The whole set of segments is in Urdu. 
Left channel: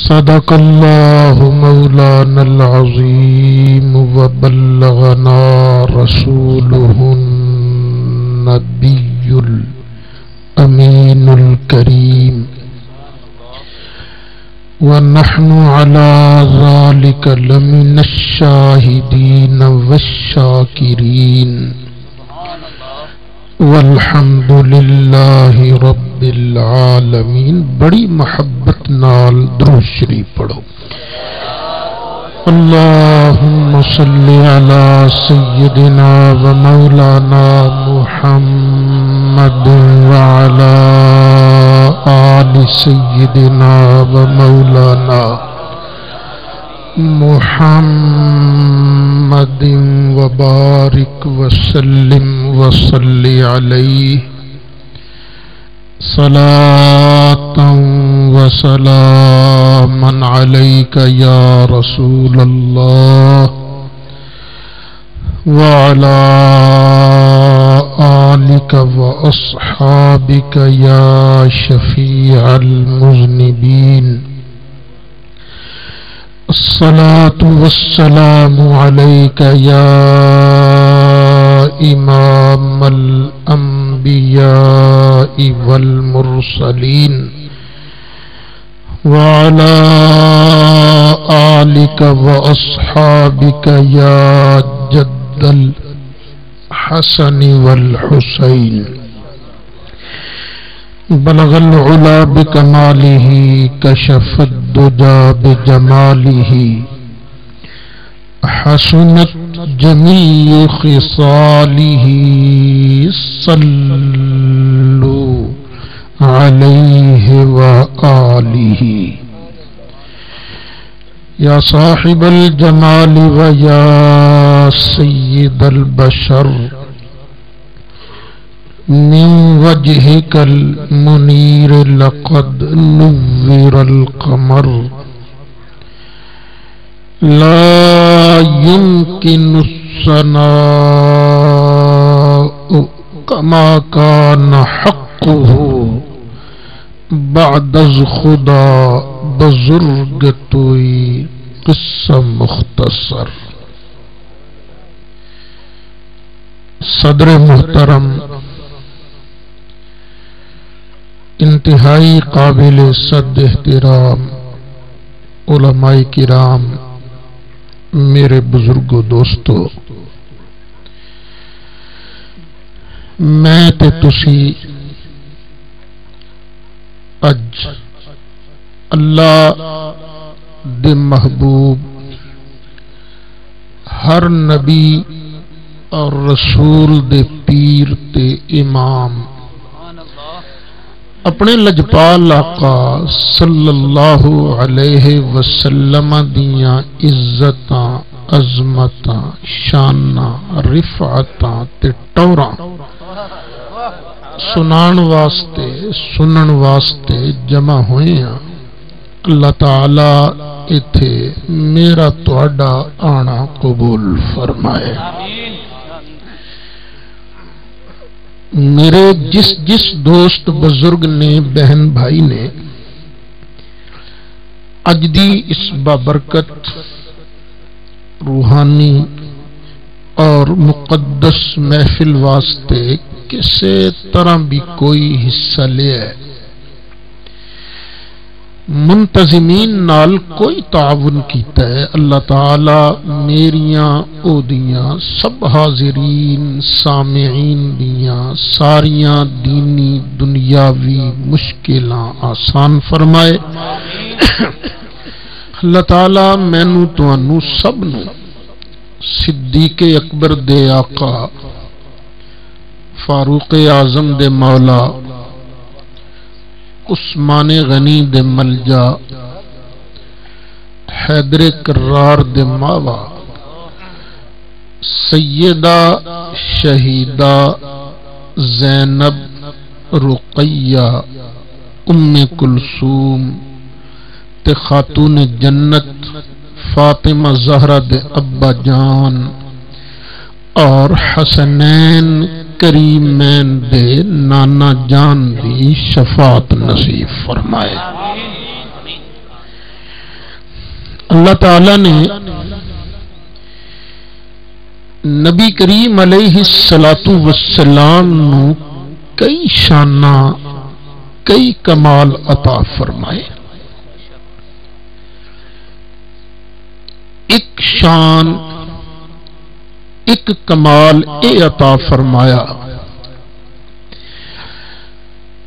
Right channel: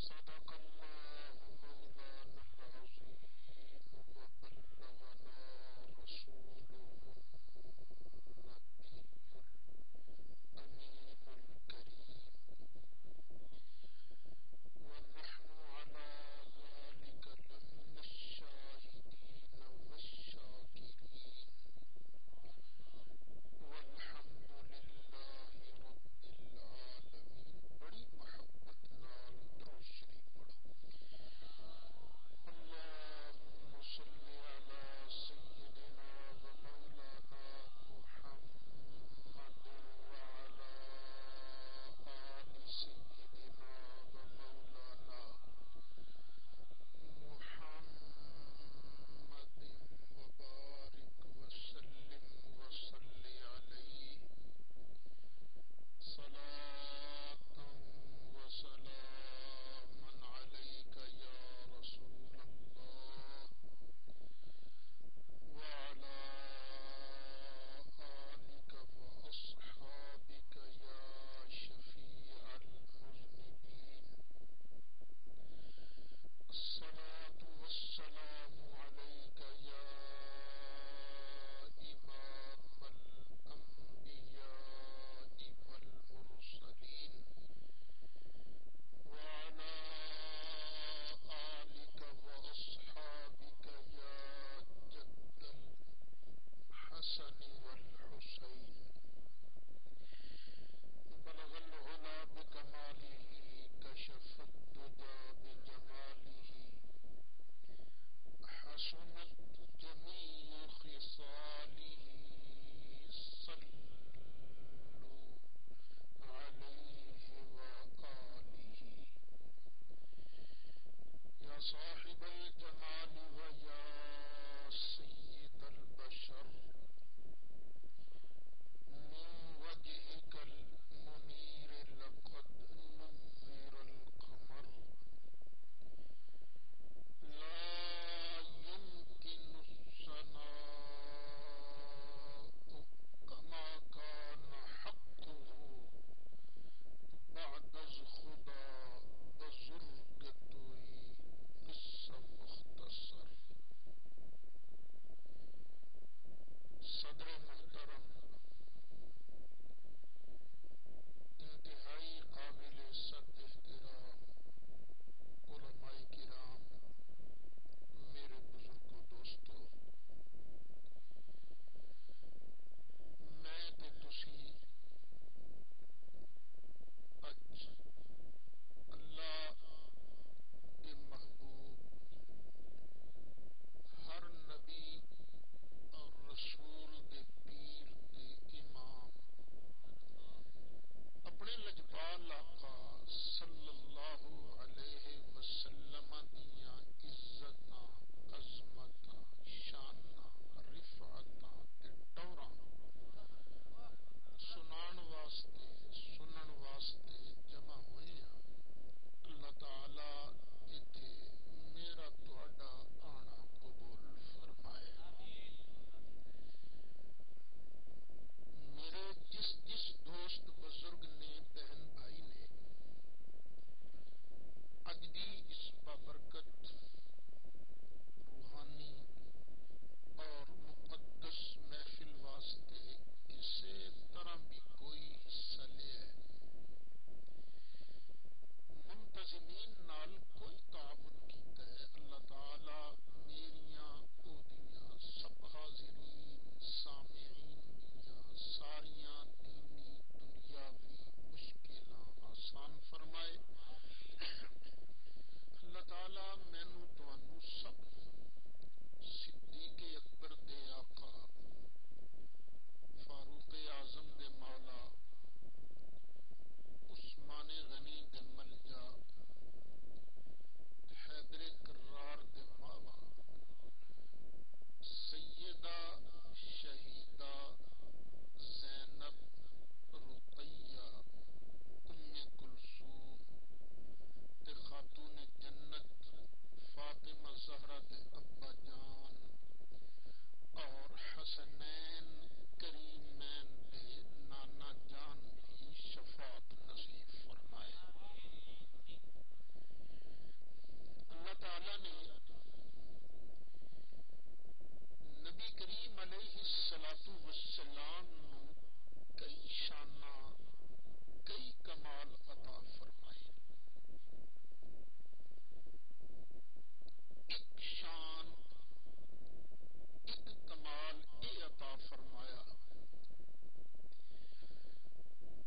صدق الله مولانا العظيم وبلغنا رسوله النبي الأمين الكريم ونحن على ذلك لمن الشاهدين والشاكرين والحمد للہ رب العالمین۔ بڑی محبت نال درود شریف پڑھو۔ اللہم صلی علی سیدنا و مولانا محمد وعلی آل سیدنا و مولانا محمد وبارک وسلم وصلی علیہ صلاۃ وسلاما علیک یا رسول اللہ وعلی آلک واصحابک یا شفیع المذنبین۔ الصلاة والسلام عليك يا إمام الأنبياء والمرسلين وعلى آلك وأصحابك يا جد الحسن والحسين۔ بلغ العلا بکمالہ کشف الدجا بجمالہ حسنت جمیع خصالہ صلوا علیہ وآلہ۔ یا صاحب الجمال ویا سید البشر من وجهك المنير لقد نور القمر لا يمكن الثناء كما كان حقه بعد از خدا بزرگ توئی قصہ مختصر۔ صدر محترم، انتہائی قابل صد احترام علماء کرام، میرے بزرگو دوستو، میں تے تسی اج اللہ دے محبوب ہر نبی اور رسول دے پیر تے امام اپنے لجپال آقا صلی اللہ علیہ وسلم دیاں عزتاں، عظمتاں، شاناں، رفعتاں تے ٹوراں سنان واسطے، سنن واسطے جمع ہوئے ہیں۔ اللہ تعالی ایتھے میرا تہاڈا آنا قبول فرمائے۔ میرے جس دوست بزرگ نے، بہن بھائی نے اج دی اس بابرکت روحانی اور مقدس محفل واسطے کسی طرح بھی کوئی حصہ لیا ہے، منتظمین نال کوئی تعاون کیتا ہے، اللہ تعالی میریاں او دیاں سب حاضرین سامعین دیاں ساریاں دینی دنیاوی مشکلاں آسان فرمائے۔ اللہ تعالی مینوں تانوں سب نوں صدیق اکبر دے آقا، فاروق اعظم دے مولا، عثمان غنی دے ملجا، حیدر کرار دے ماوا، سیدہ شہیدہ زینب رقیہ ام کلثوم تے خاتون جنت فاطمہ زہرا دے ابا جان اور حسنین کریمین دے نانا جان دی شفاعت نصیب فرمائے۔ اللہ تعالی نے نبی کریم علیہ الصلاۃ والسلام نو کئی شانہ کئی کمال عطا فرمائے. ایک شان ایک کمال اے عطا فرمایا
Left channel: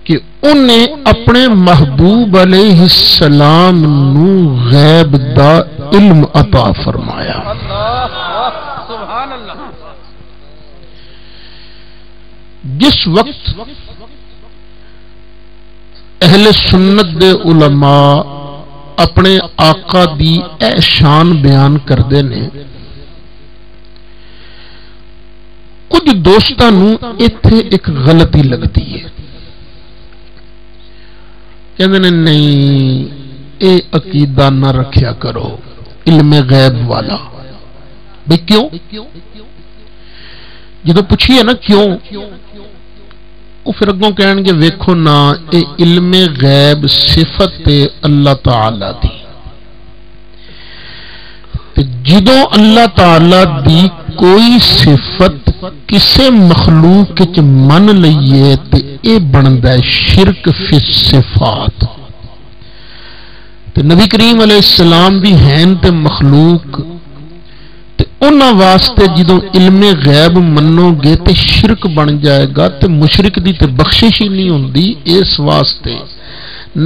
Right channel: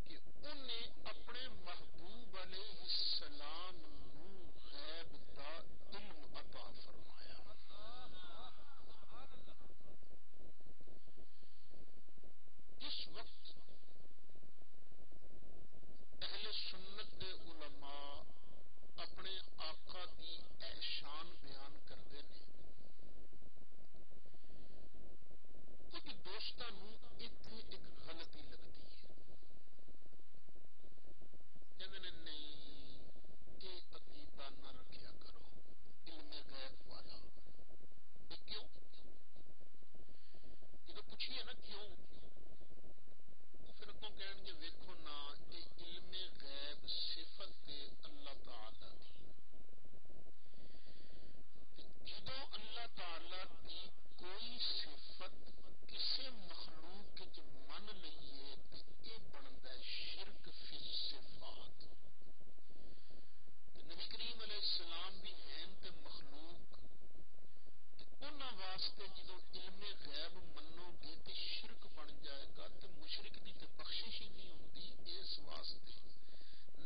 کہ انہیں اپنے محبوب علیہ السلام نو غیب دا علم عطا فرمایا. جس وقت اہل سنت دے علماء اپنے آقا دی اے شان بیان کردے نے، کچھ دوستاں نو ایتھے ایک غلطی لگتی ہے. کہندے نے نہیں اے عقیدہ نہ رکھیا کرو علم غیب والا. بھئی کیوں؟ جدو پوچھیے نا کیوں، وہ پھر اگوں کہن گے ویکھو نا اے علم غیب صفت اللہ تعالی دی. جدو اللہ تعالی دی کوئی صفت کسے مخلوق وچ من لئیے تے اے بندا ہے شرک فی الصفات. تے نبی کریم علیہ السلام بھی ہیں تے مخلوق تے انہاں واسطے جدوں علم غیب منو گے تے شرک بن جائے گا تے مشرک دی تے بخشش ہی نہیں ہوندی. اس واسطے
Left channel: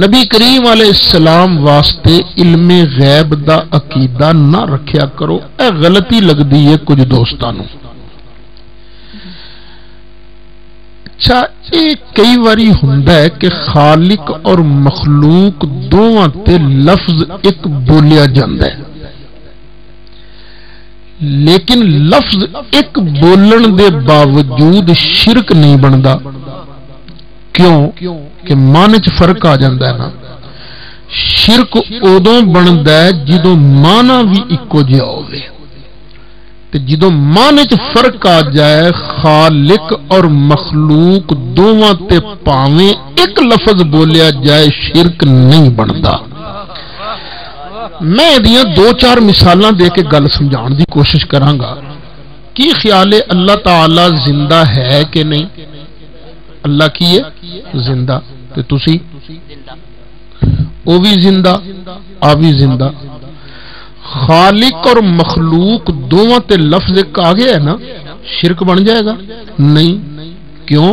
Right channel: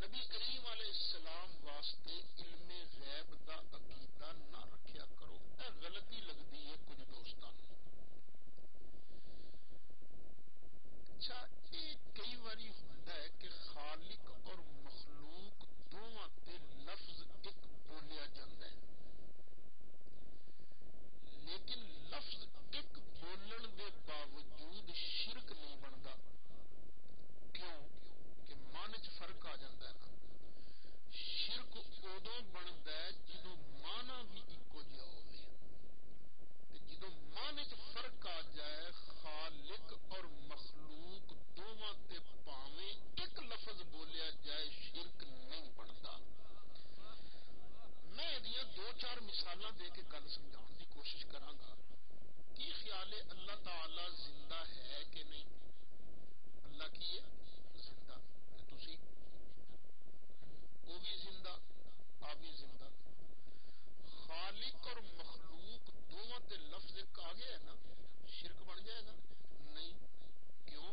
نبی کریم علیہ السلام واسطے علم غیب دا عقیدہ نہ رکھیا کرو. اے غلطی لگدی ہے کچھ دوستاں نو. اچھا یہ کئی واری ہوندا ہے کہ خالق اور مخلوق دونوں تے لفظ ایک بولیا جاندا ہے، لیکن لفظ ایک بولن دے باوجود شرک نہیں بندا. کیوں کہ معنی چ فرق آ جاندا ہے نا. شرک ادوں بندا ہے جدوں معنی بھی اکو جہا ہوے تے جدوں معنی چ فرق آ جائے خالق اور مخلوق دونوں تے پاویں ایک لفظ بولیا جائے شرک نہیں بندا. میں دیاں دو چار مثالاں دے کے گل سمجھان دی کوشش کراں گا. کی خیال ہے اللہ تعالی زندہ ہے کہ نہیں؟ اللہ کی ہے زندہ تے تسی او بھی زندہ آ بھی زندہ. خالق اور مخلوق دونوں تے لفظ ایک آ گیا ہے نا، شرک بن جائے گا؟ نہیں. کیوں؟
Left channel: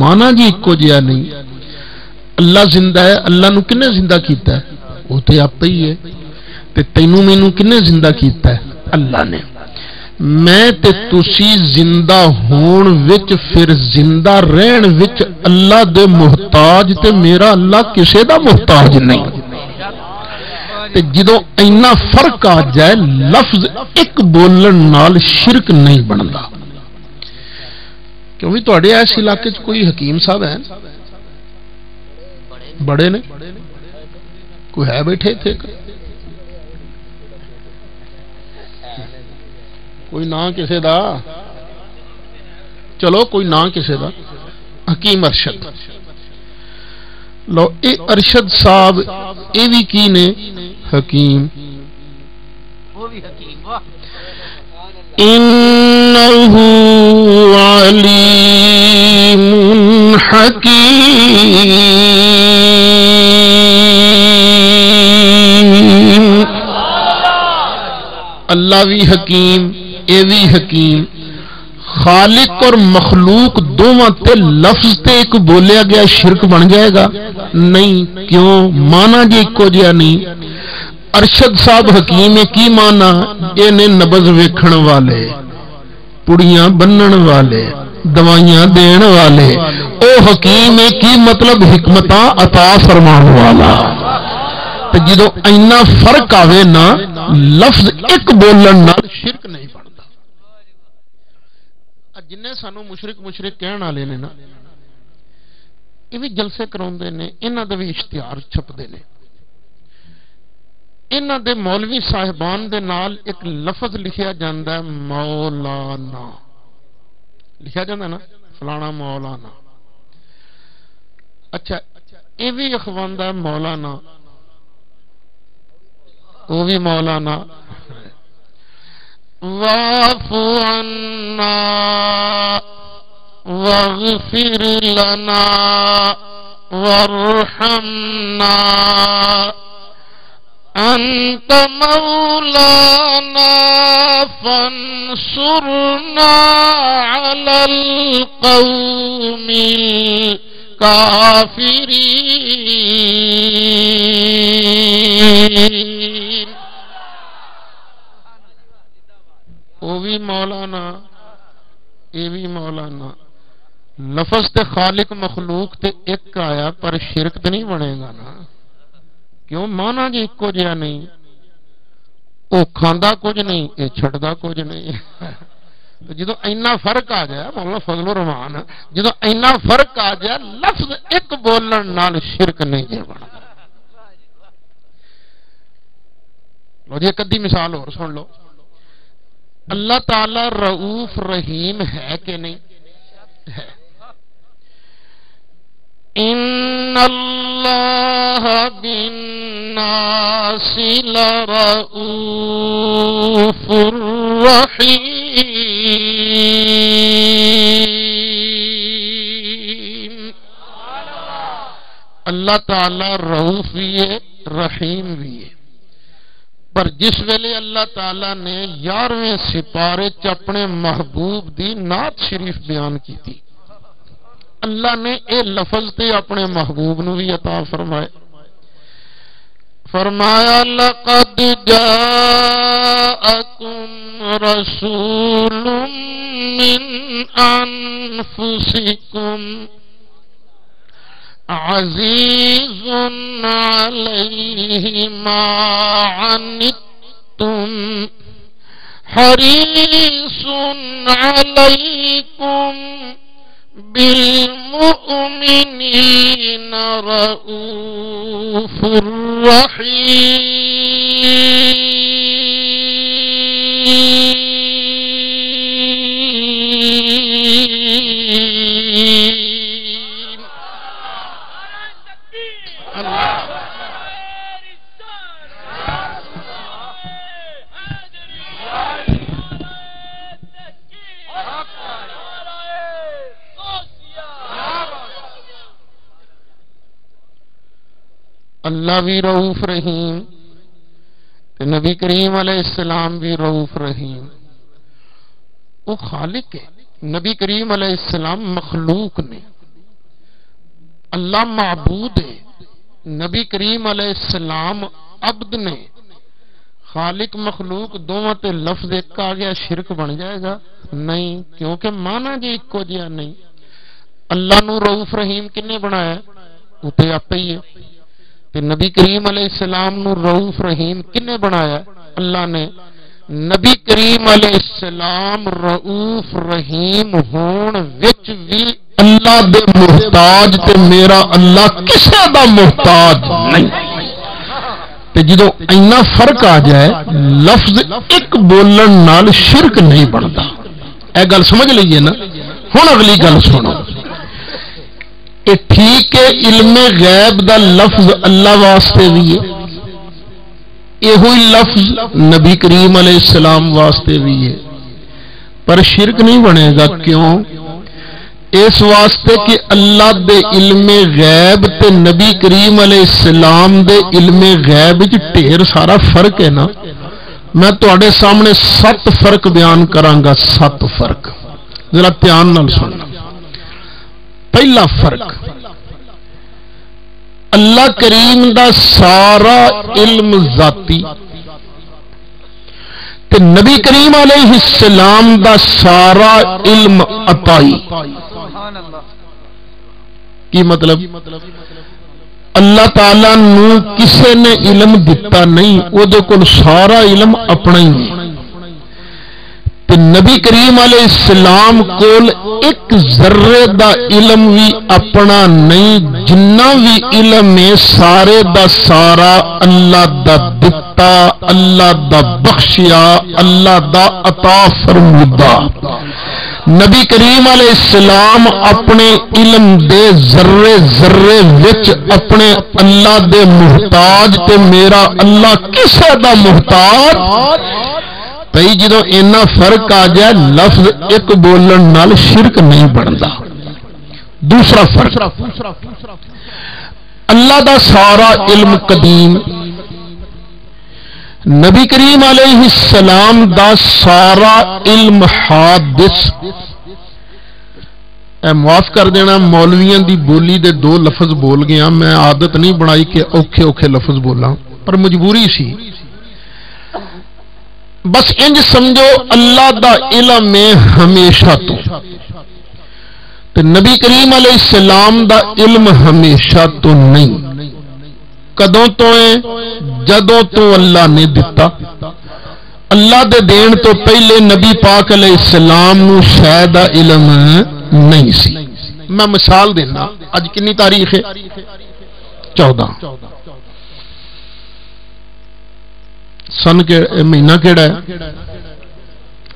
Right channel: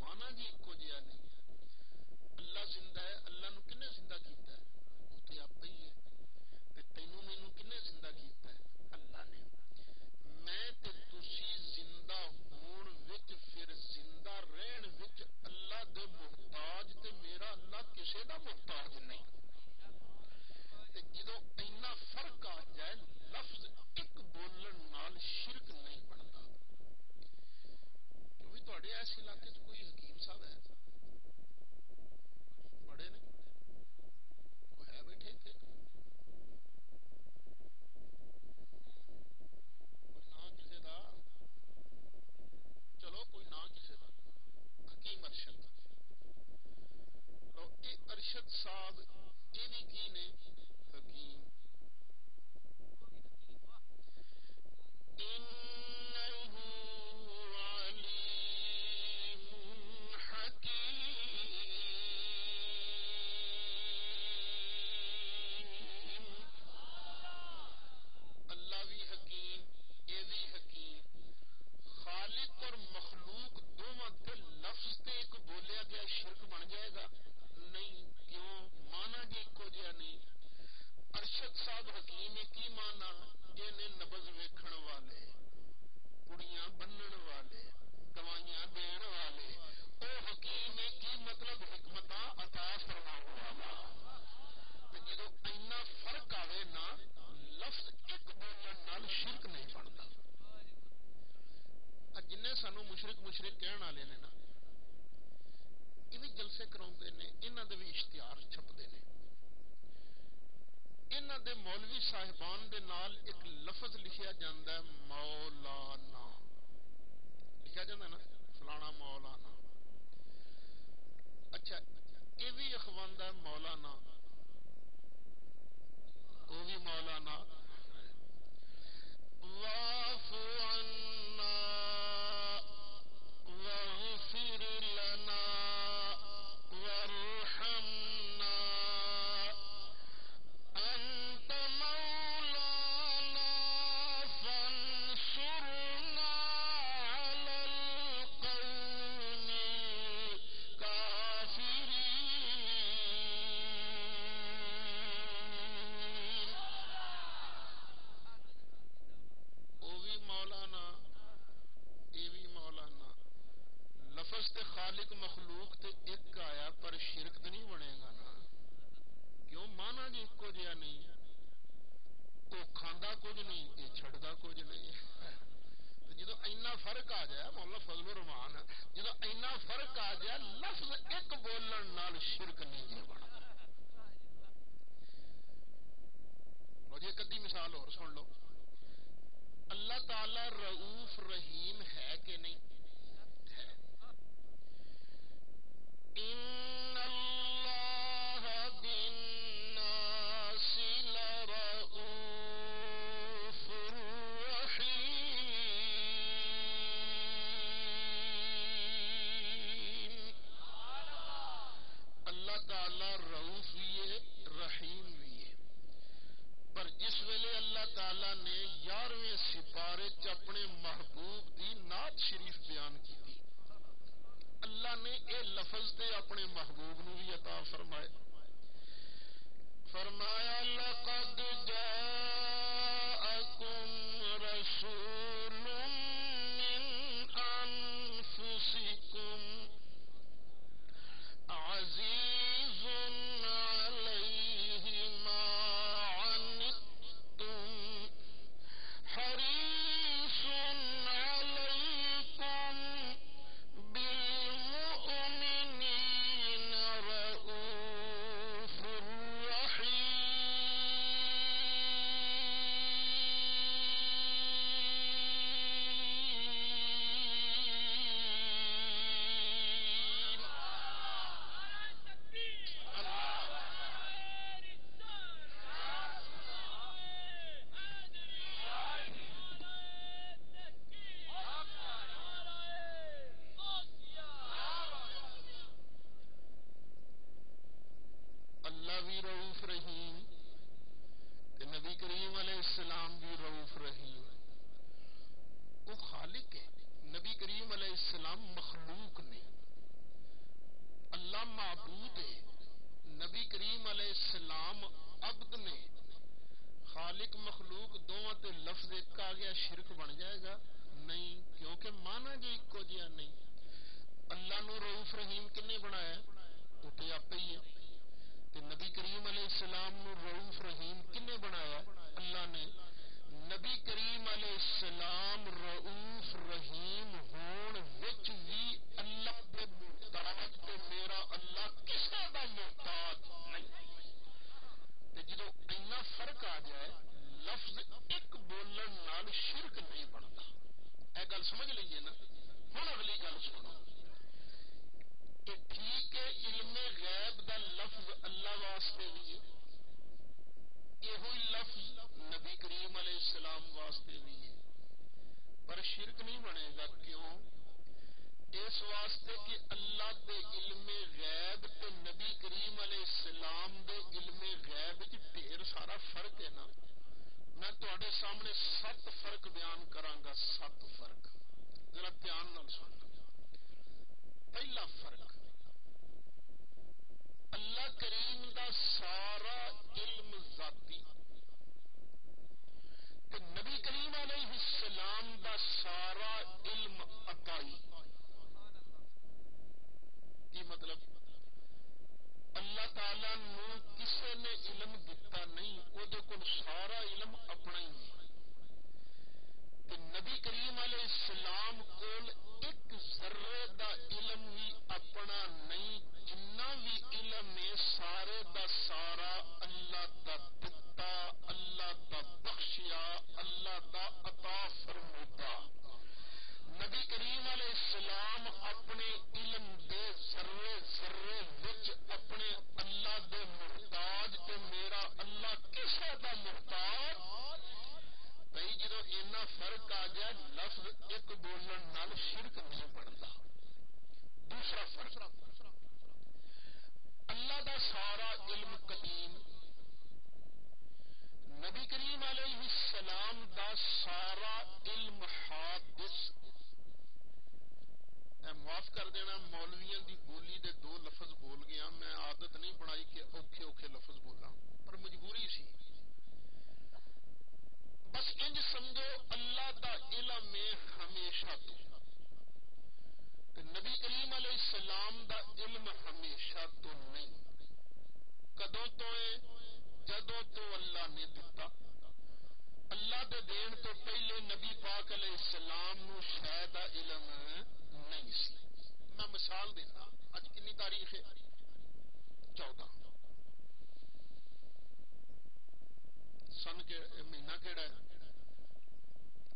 مانا جی ایکو جہا نہیں. اللہ زندہ ہے، اللہ نو کنے زندہ کیتا ہے؟ وہ تے آپ ہی ہے. تے تینوں مینوں کنے زندہ کیتا ہے؟ اللہ نے. میں تے تسی زندہ ہون وچ پھر زندہ رہن وچ اللہ دے محتاج تے میرا اللہ کسے دا محتاج نہیں. تے جدوں اینا فرق آ جائے لفظ ایک بولن نال شرک نہیں بندا. کیوں بھی تواڈے اس علاقے چ کوئی حکیم صاحب ہیں؟ بڑے نے کوئی ہے بیٹھے تھے؟ کوئی نام کسے دا؟ چلو کوئی نام کسے دا؟ حکیم ارشد. لو اے ارشد صاحب اے بھی کی نے حکیم. انہو علیم حکیم. اللہ بھی حکیم اے بھی حکیم. خالق اور مخلوق دونوں تے لفظ تے ایک بولیا گیا شرک بن جائے گا؟ نہیں. کیوں؟ مانا جی ایکو جہا نہیں. ارشد صاحب حکیم کی مانا؟ یہ نے نبض ویکھن والے، پڑیاں بنن والے، دوائیاں دین والے. او حکیم کی مطلب حکمتاں عطا فرمان والا. تو جدو اینا فرق آوے نا لفظ ایک بولن نال شرک نہیں بنتا. جنہیں سانو مشرک کہن والے نے نا یہ بھی جلسے کراؤندے نے، انہاں دے بھی اشتہار چھپدے نے. انہاں دے مولوی صاحبان دے نال ایک لفظ لکھیا جاندا ہے مولانا. لکھیا جاندا نا فلانا مولانا. اچھا یہ بھی اخواندا ہے مولانا. وہ بھی مولانا واعف عنا واغفر لنا وارحمنا انت مولانا فانصرنا على القوم الكافرين. وہ بھی مولانا یہ بھی مولانا. لفظ تے خالق مخلوق تے ایک آیا پر شرک تے نہیں بنے گا نا. کیوں؟ مانا جی ایکو جہا نہیں. وہ کھاندا کچھ نہیں یہ چھڑدا کچھ نہیں. جدو اینا فرق آ جائے مولانا فضل الرحمان جدو اینا فرق آ جائے لفظ ایک بولن نال شرک نہیں جی بنا. لو جی ایک ادھی مثال اور سن لو. اللہ تعالی رؤوف رحیم ہے کہ نہیں؟ ہے. ان اللہ بالناس لرؤوف رحیم. اللہ تعالی رؤوف بھی ہے رحیم بھی ہے. پر جس ویلے اللہ تعالی نے 11ویں سپارے چ اپنے محبوب دی نعت شریف بیان کی تھی اللہ نے اے لفظ تے اپنے محبوب نو بھی عطا فرمائے. فرمایا لقد جاءکم رسول من انفسکم عزیز علیہ ما عنتم حریص علیکم بالمؤمنین رؤوف رحیم. اللہ بھی رؤوف رحیم نبی کریم علیہ السلام بھی رؤوف رحیم. وہ خالق ہے. نبی کریم علیہ السلام مخلوق نے. اللہ معبود ہے. نبی کریم علیہ السلام عبد نے. خالق مخلوق دونوں تے لفظ ایک آ گیا شرک بن جائے گا نہیں کیونکہ مانا جی ایکو جہا نہیں. اللہ نو رؤوف رحیم کنے بنایا وہ تے آپ ہی ہے. نبی کریم علیہ السلام نو رؤوف رحیم کنے بنایا اللہ نے. نبی کریم علیہ السلام رؤوف رحیم ہون وچ بھی اللہ دے محتاج تے میرا اللہ کسے دا محتاج نہیں. تے جدو اینا فرق آ جائے لفظ ایک بولن نال شرک نہیں بنتا. اے گل سمجھ لئیے نا. ہن اگلی گل سنو. ٹھیک ہے علم غیب دا لفظ اللہ واسطے بھی ہے یہ ہوئی لفظ نبی کریم علیہ السلام واسطے بھی ہے پر شرک نہیں بنے گا. کیوں؟ اس واسطے کہ اللہ دے علم غیب تے نبی کریم علیہ السلام دے علم غیب وچ ڈھیر سارا فرق ہے نا. میں تواڈے سامنے 7 فرق بیان کراں گا. 7 فرق ذرا دھیان نال سننا. پہلا فرق اللہ کریم دا سارا علم ذاتی تے نبی کریم علیہ السلام دا سارا علم عطائی. کی مطلب؟ اللہ تعالی نو کسے نے علم دتا نہیں او دے کول سارا علم اپنا ہی ہے. نبی کریم علیہ السلام کول ایک ذرے دا علم بھی اپنا نہیں. جنہ بھی علم ہے سارے دا سارا اللہ دا دتا اللہ دا بخشیا اللہ دا عطا فرمودہ. نبی کریم علیہ السلام اپنے علم دے ذرے ذرے وچ اپنے اللہ دے محتاج تے میرا اللہ کسے دا محتاج بھئی جدوں اینا فرق آ جائے لفظ ایک بولن نال شرک نہیں بندا. دوسرا فرق اللہ دا سارا علم قدیم، نبی کریم علیہ السلام دا سارا علم حادث. معاف کر دینا مولویاں دی بولی دے دو لفظ بول گیا، میں عادت نہیں بنائی کہ اوکھے اوکھے لفظ بولا پر مجبوری سی. بس انج سمجھو اللہ دا علم ہے ہمیشہ تو نبی کریم علیہ السلام دا علم ہمیشہ تو نہیں. کدوں تو ہے؟ جدوں تو اللہ نے دتا. اللہ دے دین تو پہلے نبی پاک علیہ السلام نو شاید دا علم نہیں سی. میں مثال دینا، اج کنی تاریخ ہے؟ 14 سن کے مہینہ کیڑا ہے؟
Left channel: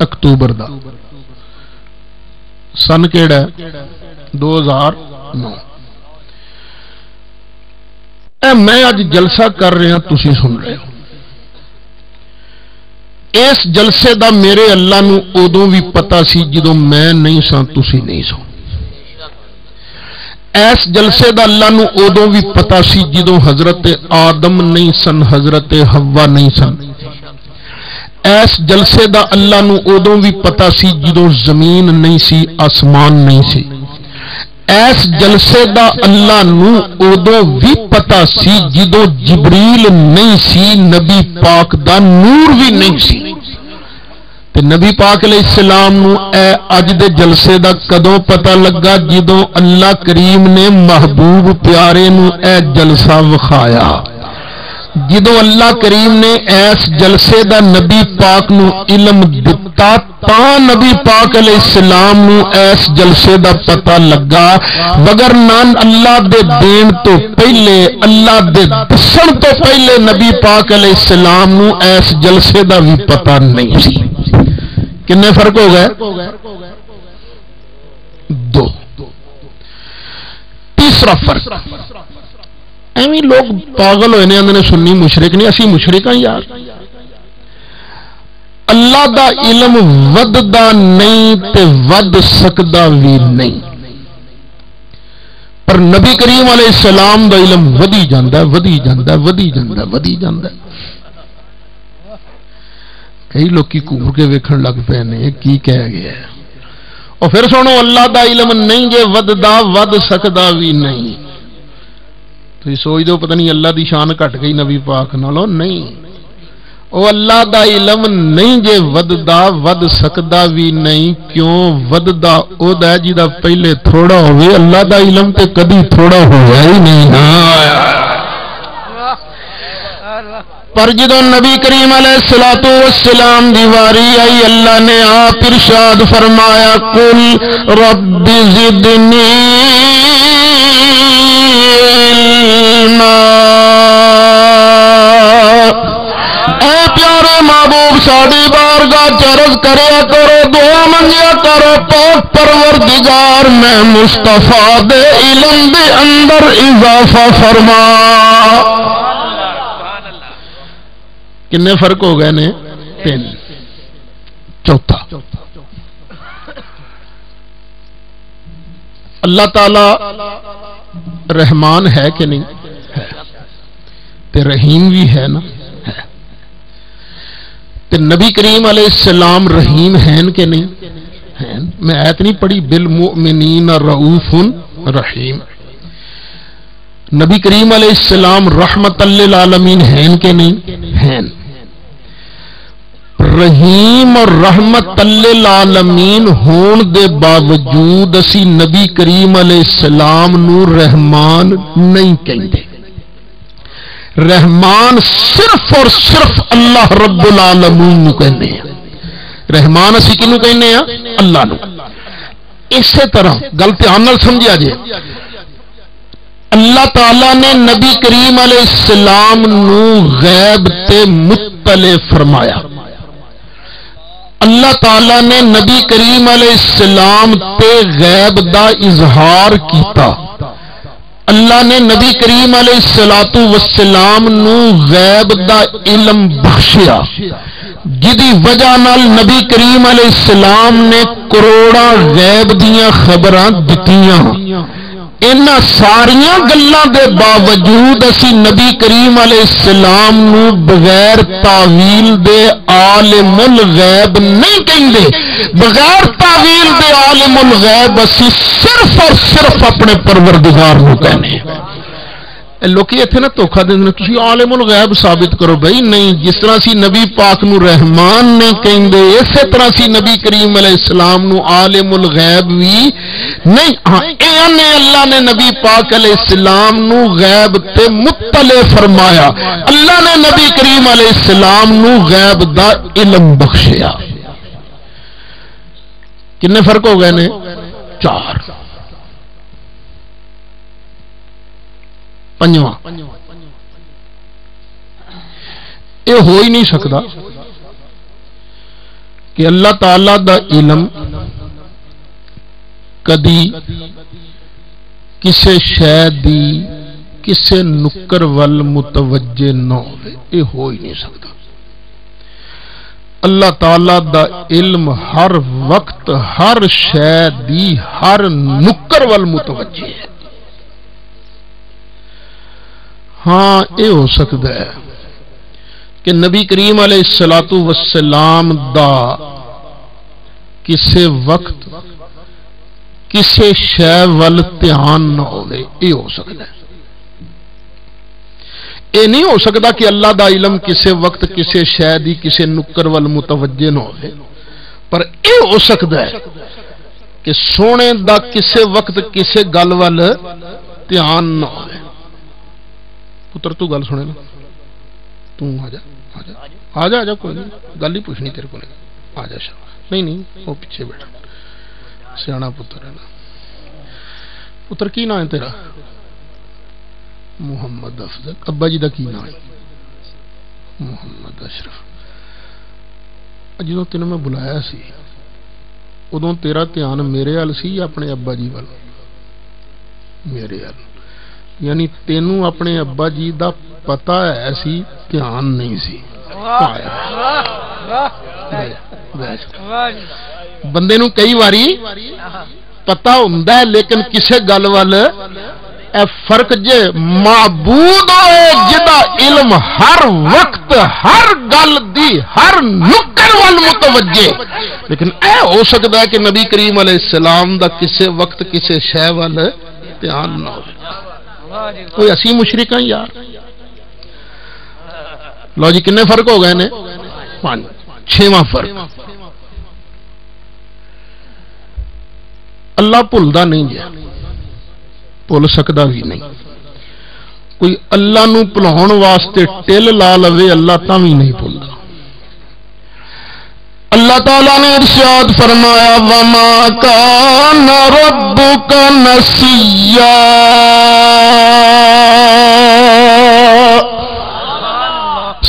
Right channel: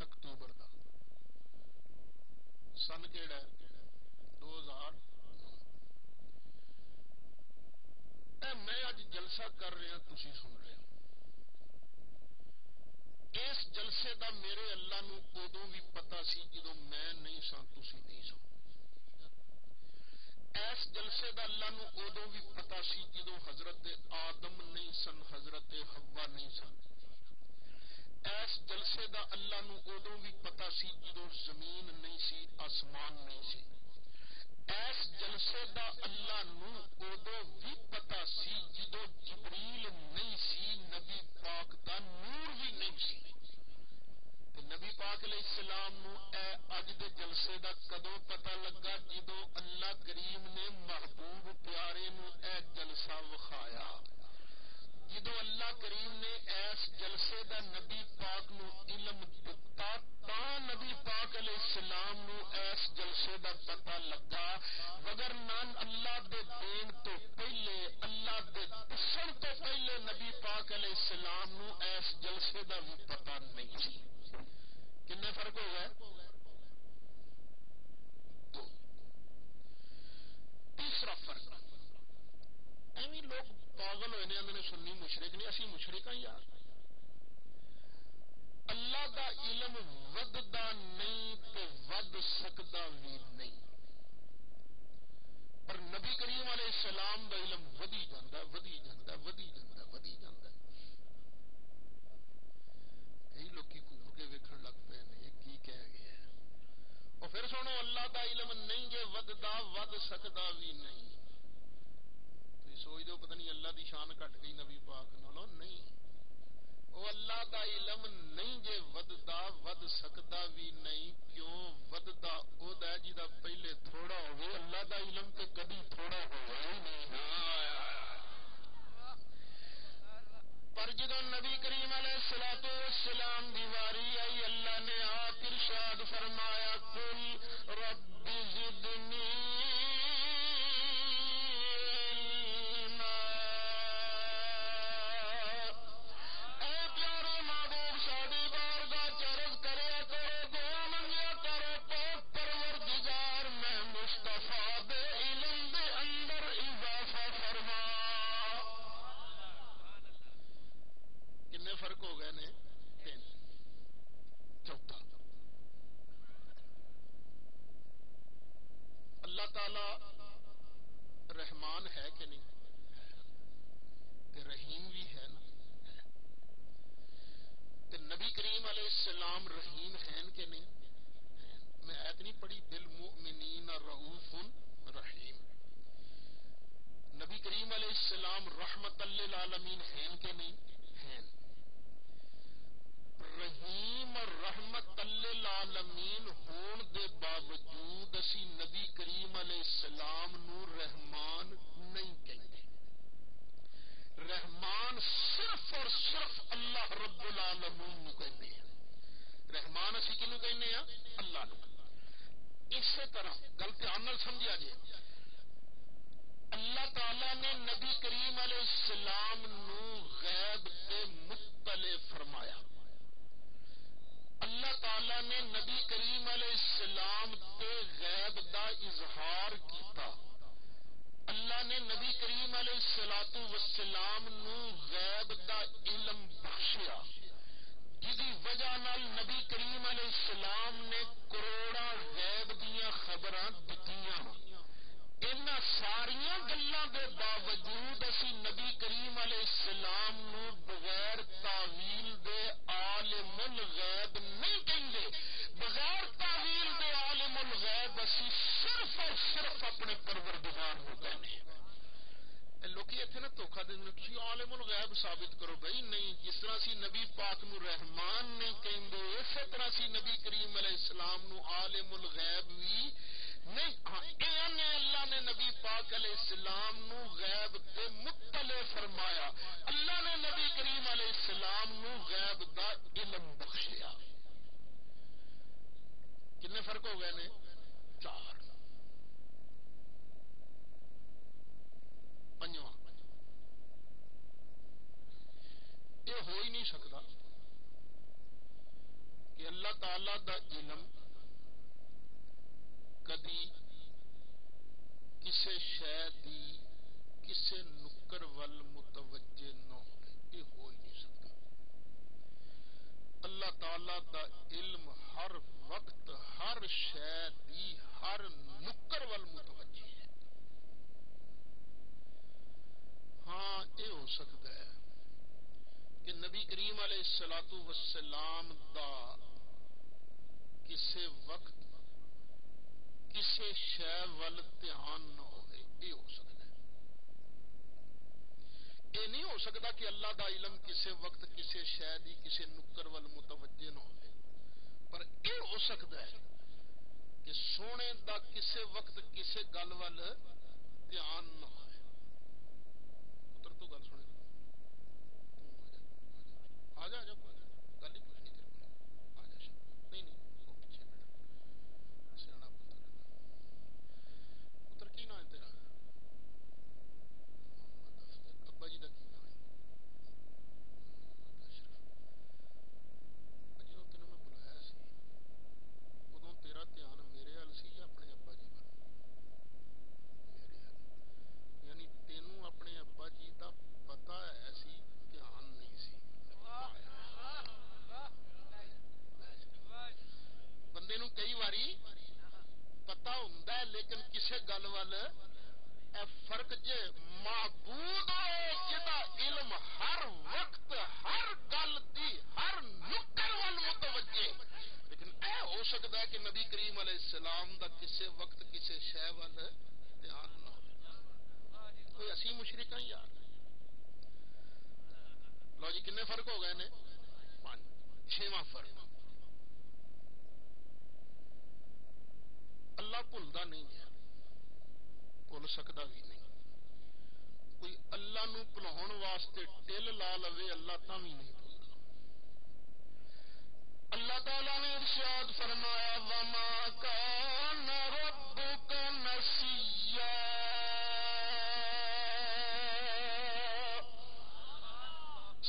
اکتوبر دا. سن کیڑا ہے؟ 2009. میں اج جلسہ کر رہا تسی سن رہے ہو. اس جلسے دا میرے اللہ نو ادوں بھی پتا سی جدوں میں نہیں سا تسی نہیں سو. اس جلسے دا اللہ نو ادوں بھی پتا سی جدوں حضرت آدم نہیں سن، حضرت حوا نہیں سن. اس جلسے دا اللہ نو ادوں بھی پتا سی جدوں زمین نہیں سی، آسمان نہیں سی. اس جلسے دا اللہ نو ادوں بھی پتا سی جدوں جبریل نہیں سی، نبی پاک دا نور بھی نہیں سی. تے نبی پاک علیہ السلام نو اج دے جلسے دا کدوں پتا لگا؟ جدوں اللہ کریم نے محبوب پیارے نو جلسہ وکھایا. جدوں اللہ کریم نے اس جلسے دا نبی پاک نو علم دتا تا نبی پاک علیہ السلام نو اس جلسے دا پتا لگا. بگر نان اللہ دے دین تو پہلے، اللہ دے دسن تو پہلے نبی پاک علیہ السلام نو اس جلسے دا بھی پتا نہیں سی. کنے فرق ہو گئے؟ 2. تیسرا فرق، ایویں لوگ پاگل ہوئے نے سنی مشرک نہیں، اسی مشرک ہاں یار. اللہ دا علم وددا نہیں تے ود سکدا بھی نہیں، پر نبی کریم علیہ السلام دا علم ودی جاندا ہے، ودی جاندا ہے، ودی جاندا ہے، ودی جاندا ہے. کئی لوگ کی کور کے ویکھن لگ پے نے کی کہہ گیا ہے. اور پھر سنو اللہ دا علم نہیں جے وددا ود سکدا بھی نہیں. تو سوچ دو پتہ نہیں اللہ دی شان گھٹ گئی نبی پاک نالوں؟ نہیں. او اللہ دا علم نہیں جے وددا ود سکدا بھی نہیں. کیوں؟ وددا او دا جیدا پہلے تھوڑا ہوئے، اللہ دا علم تے کدی تھوڑا ہوا ہی نہیں. پر جدوں نبی کریم علیہ الصلوۃ والسلام دی واری آئی، اللہ نے آپ ارشاد فرمایا قل رب زدنی علما. اے پیارے محبوب ساڈی بارگاہ چرز کریا کرو، دعا منگیا کرو، پاک پروردگار میں مصطفیٰ دے علم دے اندر اضافہ فرما. کنے فرق ہو گئے نے؟ 3. چوتھا، اللہ تعالی رحمان ہے کہ نہیں؟ ہے. تے رحیم بھی ہے نا؟ ہے. تے نبی کریم علیہ السلام رحیم ہیں کہ نہیں؟ ہیں. میں آیت نہیں پڑھی بالمؤمنین رؤوف رحیم. نبی کریم علیہ السلام رحمت للعالمین ہیں کہ نہیں؟ ہیں. رحیم اور رحمت للعالمین ہون دے باوجود اسی نبی کریم علیہ السلام نو رحمان نہیں کہندے. رحمان صرف اور صرف اللہ رب العالمین نو کہنے ہیں. رحمان اسی کنو کہنے ہیں؟ اللہ نو. اسی طرح گل دھیان نال سمجھا جے، اللہ تعالی نے نبی کریم علیہ السلام نو غیب تے مطلع فرمایا. اللہ تعالی نے نبی کریم علیہ السلام تے غیب دا اظہار کیتا. اللہ نے نبی کریم علیہ السلام نو غیب دا علم بخشیا، جدی وجہ نال نبی کریم علیہ السلام نے کروڑاں غیب دیاں خبراں دتیاں. انہاں ساریاں گلاں دے باوجود اسی نبی کریم علیہ السلام نو بغیر تعویل دے عالم الغیب نہیں کہندے. بغیر تعویل دے عالم الغیب اسی صرف اور صرف اپنے پروردگار نو کہنے. لوکی اتنے نا دھوکھا دے دیں تسی عالم الغیب ثابت کرو. بھائی نہیں، جس طرح سی نبی پاک نو رحمان نہیں کہندے اسی طرح سی نبی کریم علیہ السلام نو عالم الغیب بھی نہیں. ہاں اللہ نے نبی پاک علیہ السلام نو غیب تے مطلع فرمایا، اللہ نے نبی کریم علیہ السلام نو غیب دا علم بخشیا. کتنے فرق ہو گئے نے؟ 4. پنجواں یہ ہو ہی نہیں سکتا کہ اللہ تعالی دا علم کدی کسے شے دی کسے نکر ول متوجہ نہ ہوئے. یہ ہو ہی نہیں سکتا. اللہ تعالی دا علم ہر وقت ہر شے دی ہر نکر ول متوجہ ہے. ہاں یہ ہو سکتا ہے کہ نبی کریم علیہ السلام دا کسے وقت کسے شے ول دھیان نہ ہوئے. یہ ہو سکتا ہے. یہ نہیں ہو سکتا کہ اللہ دا علم کسے وقت کسے شے دی کسے نکر ول متوجہ نہ ہوئے. پر یہ ہو سکتا ہے کہ سونے دا کسے وقت کسے گل ول دھیان نہ ہوئے. پتر تو گل سنے نا، تو آ جا آ جا آ جا، کوئی نہیں گل ہی پوچھنی تیرے کو. آ جا شاہ. نہیں وہ پیچھے بیٹھا سیاح پتر ہے نا. پتر کی نام ہے تیرا؟ محمد افضل. ابا جی دا کی نام ہے؟ محمد اشرف. جدوں تینوں میں بلایا سی ادوں تیرا دھیان میرے وال سی یا اپنے ابا جی وال؟ میرے وال. یعنی تینوں اپنے ابا جی دا پتہ ہے سی، دھیان نہیں سی. بندے نو کئی واری پتہ ہوندا ہے لیکن کسے گل وال اے فرق جے معبود ہوئے جدا علم ہر وقت ہر گل دی ہر نکر وال متوجہ. لیکن اے ہو سکتا ہے کہ نبی کریم علیہ السلام دا کسے وقت کسے شے وال دھیان نہ ہو. کوئی اسی مشرک ہیں یار. لو جی کنے فرق ہو گئے نے؟ 5. 6واں فرق اللہ بھولدا نہیں جی، بھول سکدا بھی نہیں. کوئی اللہ نو بھلاؤن واسطے ٹل لا لوے اللہ تاں بھی نہیں بھولدا. اللہ تعالیٰ نے ارشاد فرمایا وَمَا كَانَ رَبُّكَ نَسِيًّا.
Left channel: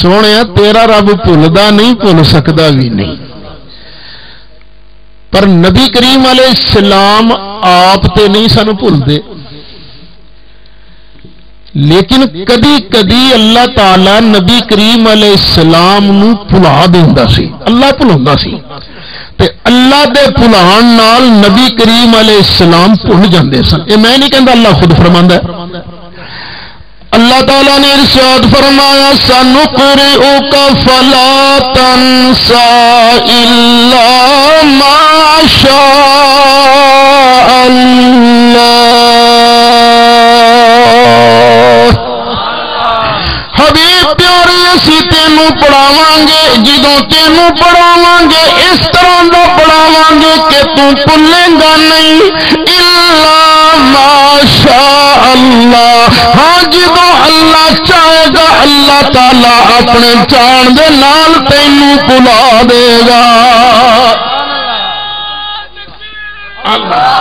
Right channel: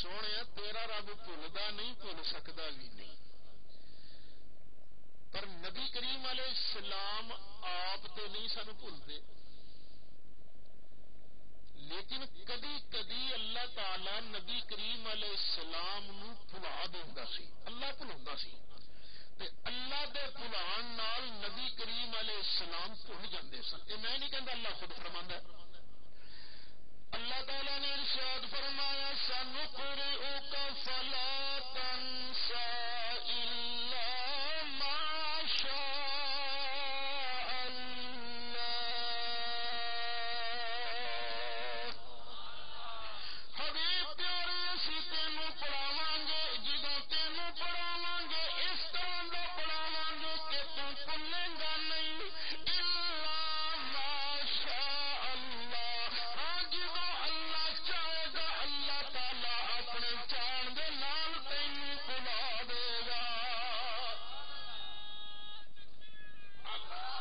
سونے تیرا رب بھولدا نہیں، بھول سکدا بھی نہیں. پر نبی کریم علیہ السلام آپ تے نہیں سن بھولدے، لیکن کدی کدی اللہ تعالی نبی کریم علیہ السلام نو بھلا دیندا سی. اللہ بھلاوندا سی تے اللہ دے بھلان نال نبی کریم علیہ السلام بھول جاندے سن. اے میں نہیں کہندا، اللہ خود فرماندا ہے. اللہ تعالیٰ نے ارشاد فرمایا سَنُقْرِئُكَ فَلَا تَنْسَى إِلَّا مَا شَاءَ اللَّهُ. حبیب پیارے اسی تینوں پڑھاواں گے، جدوں تینوں پڑھاواں گے اس طرح دا پڑھاواں گے کہ تو بھولے گا نہیں. الا ما شاء اللہ. ہاں جدوں اللہ چاہے گا اللہ تعالی اپنے چاہن دے نال تینوں بھلا دے گا. اللہ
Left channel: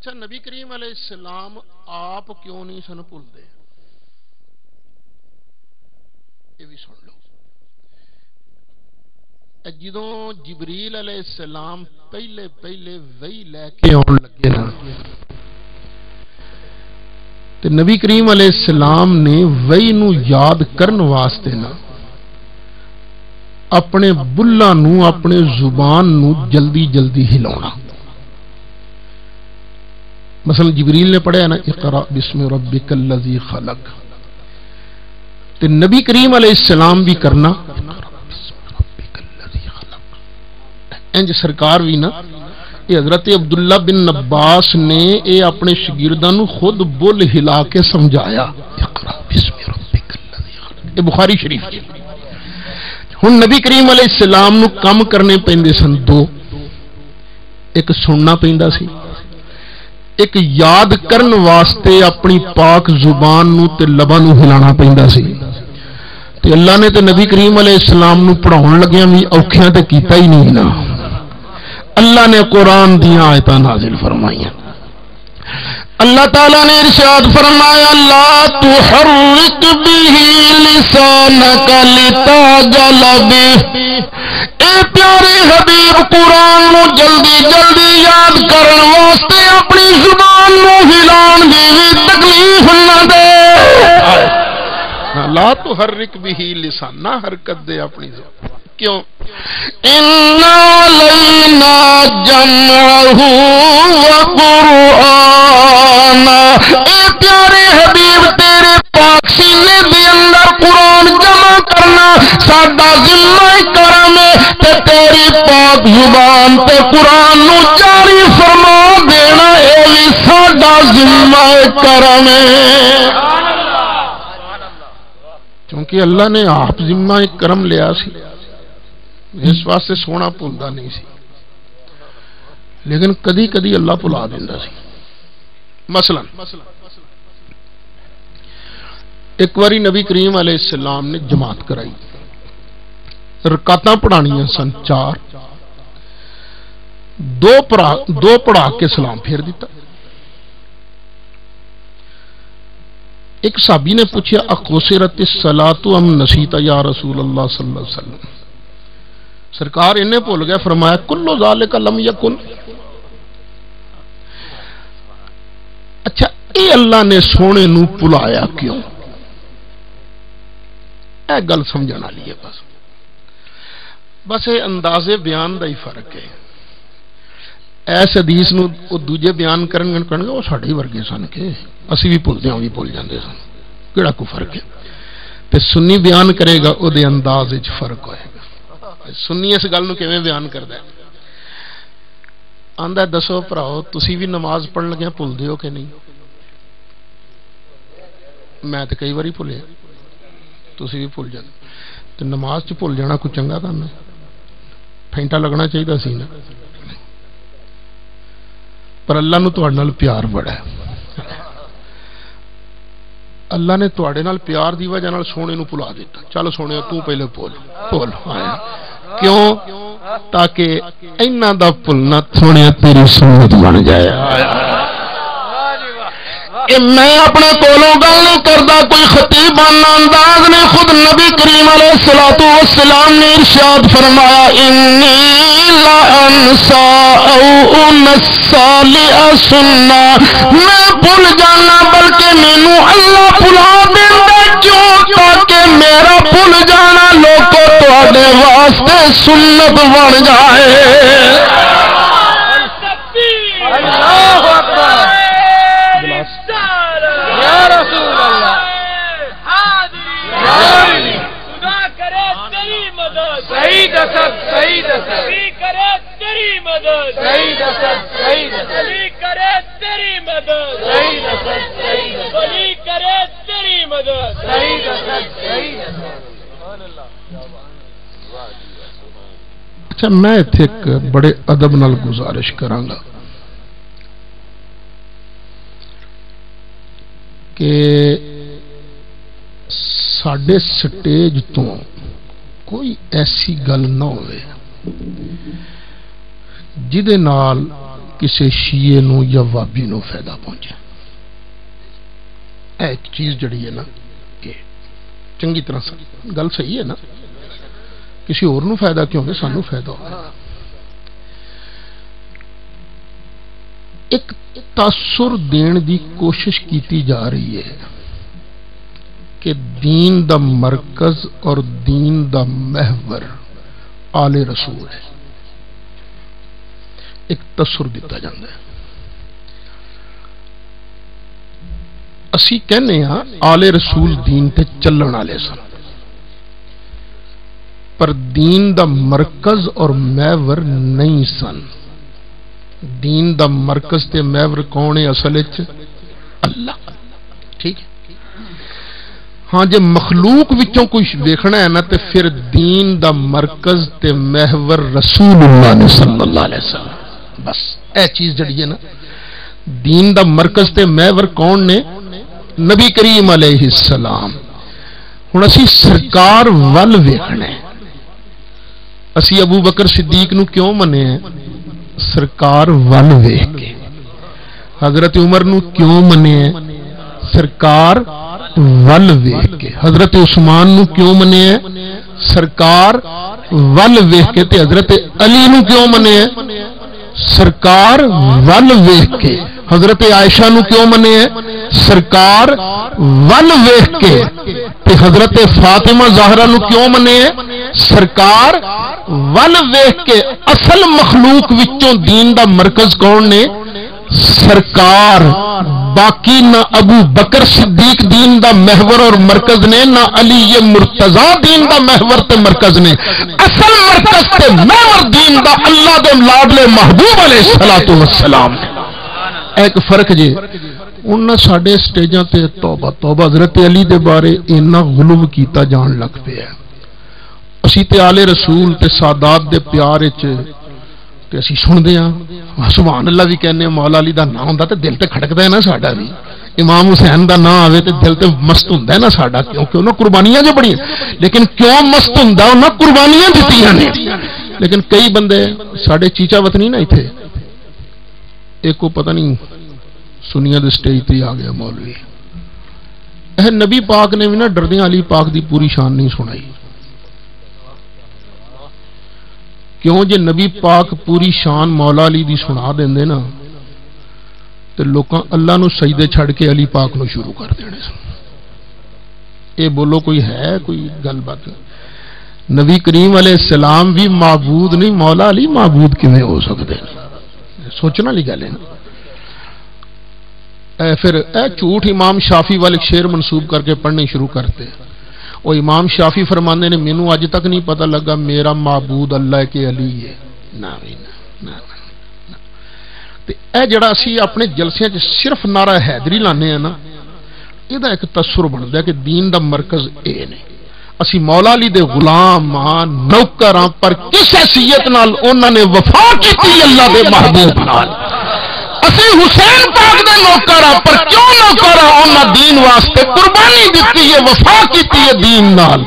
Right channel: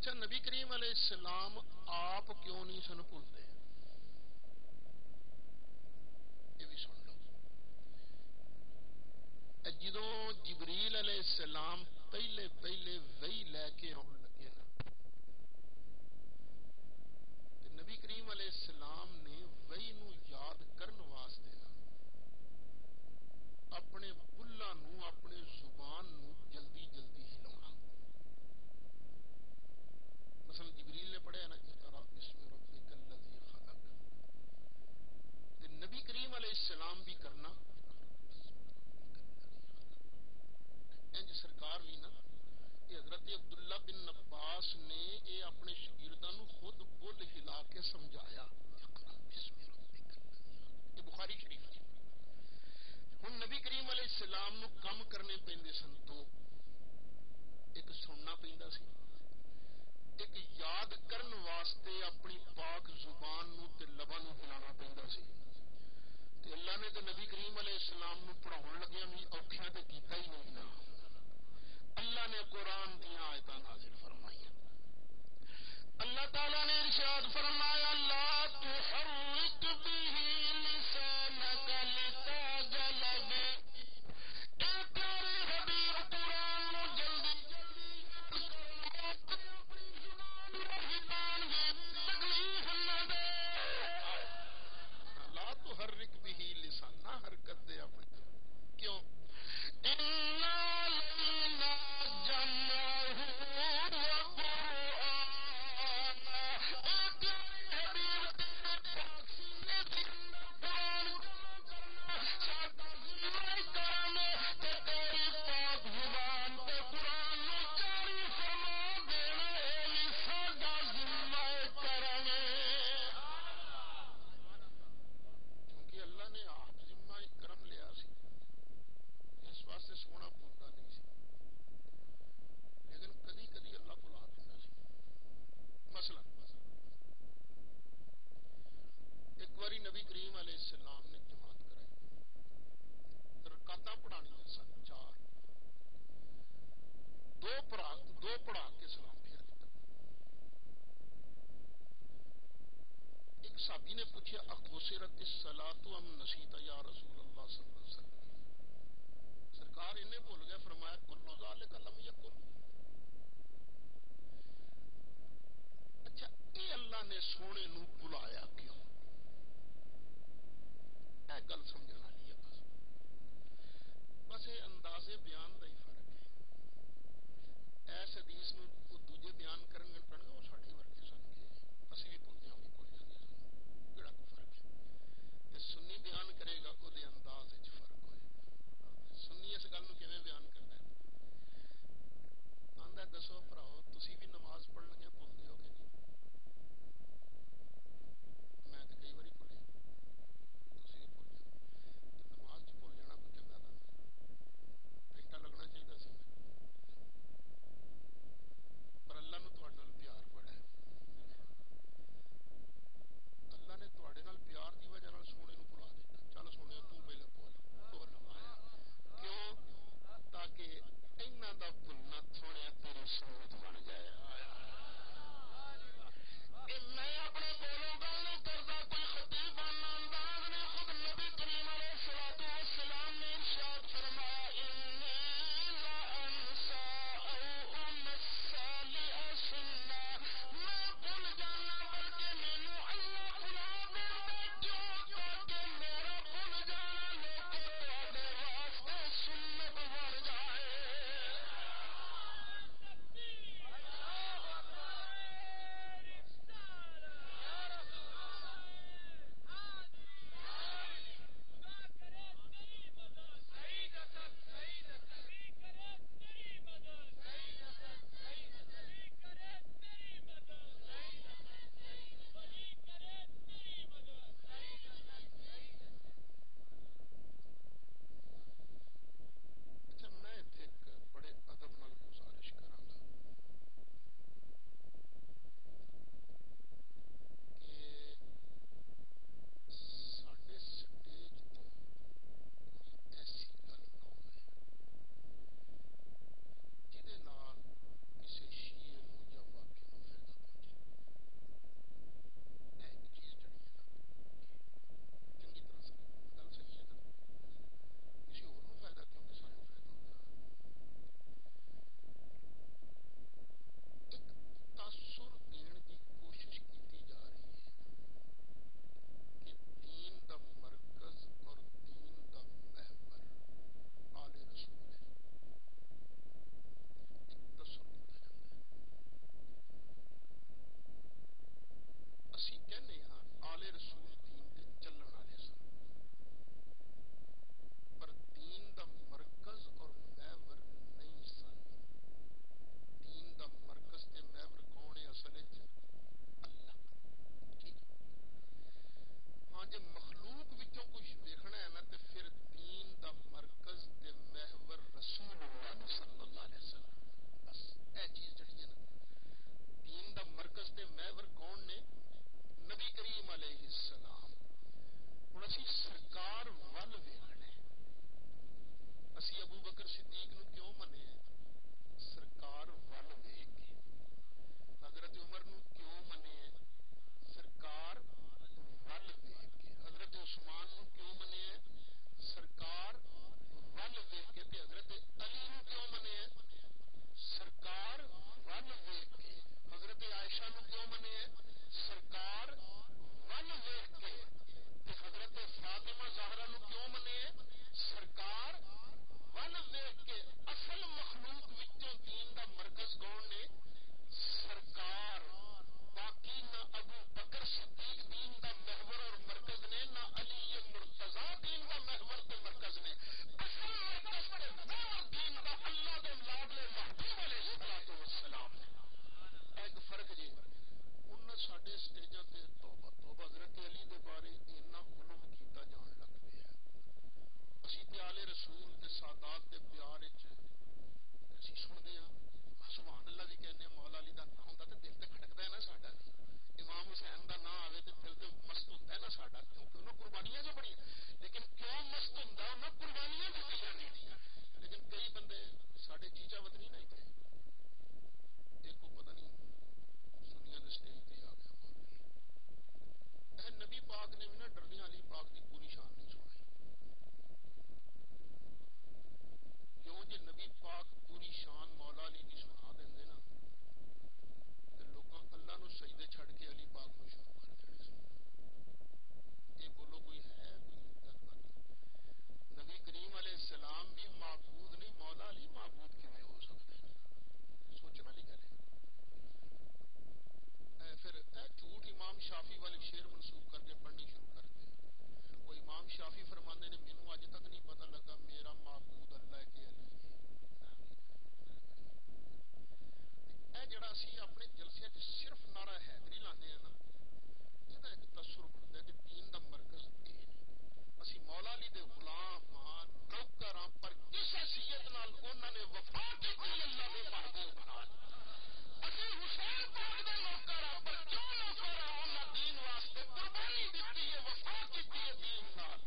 اچھا نبی کریم علیہ السلام آپ کیوں نہیں سن بھولتے؟ یہ بھی سن لو. جدوں جبریل علیہ السلام پہلے وحی لے کے آن لگے نا تے نبی کریم علیہ السلام نے وحی نو یاد کرن واسطے نا اپنے بلّاں نو اپنے زبان نو جلدی جلدی ہلاونا. مثلا جبریل نے پڑھا نا اقرا بسم ربک الذی خلق، تے نبی کریم علیہ السلام بھی کرنا انج سرکار بھی نا. یہ حضرت عبداللہ بن عباس نے یہ اپنے شاگرداں نو خود بول ہلا کے سمجھایا اقرا بسم ربک الذی خلق. یہ بخاری شریف ہے. ہن نبی کریم علیہ السلام نو کم کرنے پیندے سن دو، ایک سننا پیندا سی، ایک یاد کرن واسطے اپنی پاک زبان نو تے لباں نو ہلانا پیندا سی. تے اللہ نے تے نبی کریم علیہ السلام نو پڑھاون لگیاں بھی اوکھیاں تے کیتا ہی نہیں نا. اللہ نے قرآن دیاں آیتاں نازل فرمائیاں. اللہ تعالیٰ نے ارشاد فرمایا لا تحرک به لسانک لتعجل به. اے پیارے حبیب قرآن نو جلدی جلدی یاد کرن واسطے اپنی زبان نو ہلان دی بھی تکلیف نہ دے. لا تحرک به لسان، نہ حرکت دے اپنی زبان. کیوں؟ ان علینا جمعہ وقرآن. اے پیارے حبیب تیرے پاک سینے دے اندر قرآن جمع کرنا ساڈا ذمہ کرم ہے، تے تیری پاک زبان تے قرآن نو جاری فرما دینا اے بھی ساڈا ذمہ کرم ہے. کیونکہ اللہ نے آپ ذمہ کرم لیا سی، اس واسطے سونا بھولتا نہیں سی، لیکن کدی کدی اللہ بھلا دینا سی. مثلا ایک باری نبی کریم علیہ السلام نے جماعت کرائی، رکعتاں پڑھانیاں سن 4، دو پڑھا کے سلام پھیر دیتا. ایک صحابی نے پوچھا اقصرت الصلاۃ ام نسیت یا رسول اللہ صلی اللہ علیہ وسلم. سرکار انہیں بھول گیا، فرمایا کلو ذالک لم یکن. اچھا اے اللہ نے سونے نو بلایا کیوں؟ اے گل سمجھنا لیے بس یہ اندازے بیان دا ہی فرق ہے. ایس حدیث نو او دوجے بیان کرن گے وہ ساڈے ورگے سن کے اسی بھی بھولتے ہوں بھی بھول جاندے سن، کیڑا کو فرق ہے. تے سنی بیان کرے گا او دے انداز وچ فرق ہوئے گا. سنی اس گل نو کیویں بیان کردا ہے؟ آندا دسو بھراؤ تسی بھی نماز پڑھن لگے بھول دیو کہ نہیں؟ میں تے کئی واری بھولیا، تسی بھی بھول جاندے. تے نماز چ بھول جانا کوئی چنگا کام ہے؟ پھینٹا لگنا چاہیے سی نا. پر اللہ نو تہاڈے نال پیار بڑا ہے. اللہ نے تہاڈے نال پیار دی وجہ نال سونے نو بھلا دیتا. چل سونے تو پہلے بھول آیا. کیوں؟ تاکہ اینا دا بھولنا سونے تیری سنت بن جائے. میں اپنے کولوں گل نہیں کردا، کوئی خطیبانہ انداز نے خود نبی کریم علیہ الصلوۃ والسلام نے ارشاد فرمایا انی لا انسا او انسا لاسنا. میں بھول جانا بلکہ مینوں اللہ بھلا دیندا کیوں؟ تاکہ میرا بھول جانا لوگوں تواڈے واسطے سنت بن جائے. اچھا میں اتنے ایک بڑے ادب نال گزارش کراں گا کہ ساڈے سٹیج تو کوئی ایسی گل نہ ہوئے جدے نال کسی شیعے نو یا وابی نو فائدہ پہنچے. ایک چیز جڑی ہے نا کہ چنگی طرح گل صحیح ہے نا، کسی اور نو فائدہ کیوں کہ سانو فائدہ ہو. ایک تاثر دین دی کوشش کیتی جا رہی ہے کہ دین دا مرکز اور دین دا محور آل رسول ہے. ایک تاثر دیتا جاتا ہے. اسی کہنے ہاں آل رسول دین تے چلن والے سن، پر دین دا مرکز اور محور نہیں سن. دین دا مرکز تے محور کون ہے اصل وچ؟ اللہ. ٹھیک ہے. ہاں جے مخلوق وچوں کوئی دیکھنا ہے نا تے پھر دین دا مرکز تے محور رسول اللہ صلی اللہ علیہ وسلم. بس اے چیز جڑی ہے نا، دین دا مرکز تے محور کون نے؟ نبی کریم علیہ السلام. ہن اسی سرکار ول ویکھنا ہے. اسی ابو بکر صدیق نو کیوں منے ہیں؟ سرکار ول ویکھ کے. حضرت عمر نو کیوں منے ہیں؟ سرکار ول ویکھ کے. حضرت عثمان نو کیوں منے ہیں؟ سرکار ول ویکھ کے. تے حضرت علی نو کیوں منے ہیں؟ سرکار ول ویکھ کے. حضرت عائشہ نو کیوں منے ہیں؟ سرکار ول ویکھ کے. تے حضرت فاطمہ زہرا نو کیوں منے ہیں؟ سرکار ول ویکھ کے. اصل مخلوق وچوں دین دا مرکز کون نے؟ سرکار. باقی نہ ابو بکر صدیق دین دا محور اور مرکز نے، نہ علی مرتضی دین دا محور تے مرکز نے. اصل مرکز تے محور دین دا اللہ دے لاڈلے محبوب علیہ الصلوۃ والسلام. ایک فرق جے انہاں ساڈے سٹیجاں تے توبہ توبہ حضرت علی دے بارے اینا غلو کیتا جان لگ پیا. اسی تے آل رسول تے سادات دے پیار وچ تے اسی سندے ہاں سبحان اللہ بھی کہنے ہیں. مولا علی دا نام ہوندا تے دل تے کھڑکدا ہے نا ساڈا بھی. امام حسین دا نام آوے تے دل تے مست ہوندا ہے نا ساڈا، کیونکہ انہاں قربانیاں جو بڑی. لیکن کیوں مست ہوندا؟ انہاں قربانیاں دتیاں نے. لیکن کئی بندے ساڈے چیچا وطنی نا ایتھے، ایک کو پتہ نہیں سنیا دے سٹیج تے آ گیا مولوی. نبی پاک نے بھی نا ڈردیاں علی پاک دی پوری شان نہیں سنائی. کیوں جے نبی پاک پوری شان مولا علی دی سنا دیندے نا تے لوکاں اللہ نو سجدے چھڑ کے علی پاک نو شروع کر دینے. اے بولو کوئی ہے کوئی گل بات؟ نبی کریم علیہ السلام بھی معبود نہیں، مولا علی معبود کیویں ہو سکدے؟ سوچنا لی گل ہے نا. پھر اے جھوٹ امام شافی والے شعر منسوب کر کے پڑھنے شروع کرتے. وہ امام شافی فرماندے نے مینوں اج تک نہیں پتہ لگا میرا معبود اللہ کے علی ہے. نا تے اے جڑا اسی اپنے جلسیاں چ صرف نعرہ حیدری لانے ہیں نا، یہ ایک تصور بنتا ہے کہ دین دا مرکز اے نے. اسی مولا علی دے غلام ہاں، نوکر ہاں، پر کس حیثیت نال انہاں نے وفا کیتی اللہ دے محبوب نال. اسی حسین پاک دے نوکر ہاں، پر کیوں نوکر ہاں؟ انہاں دین واسطے قربانی دتی ہے، وفا کیتی ہے دین نال.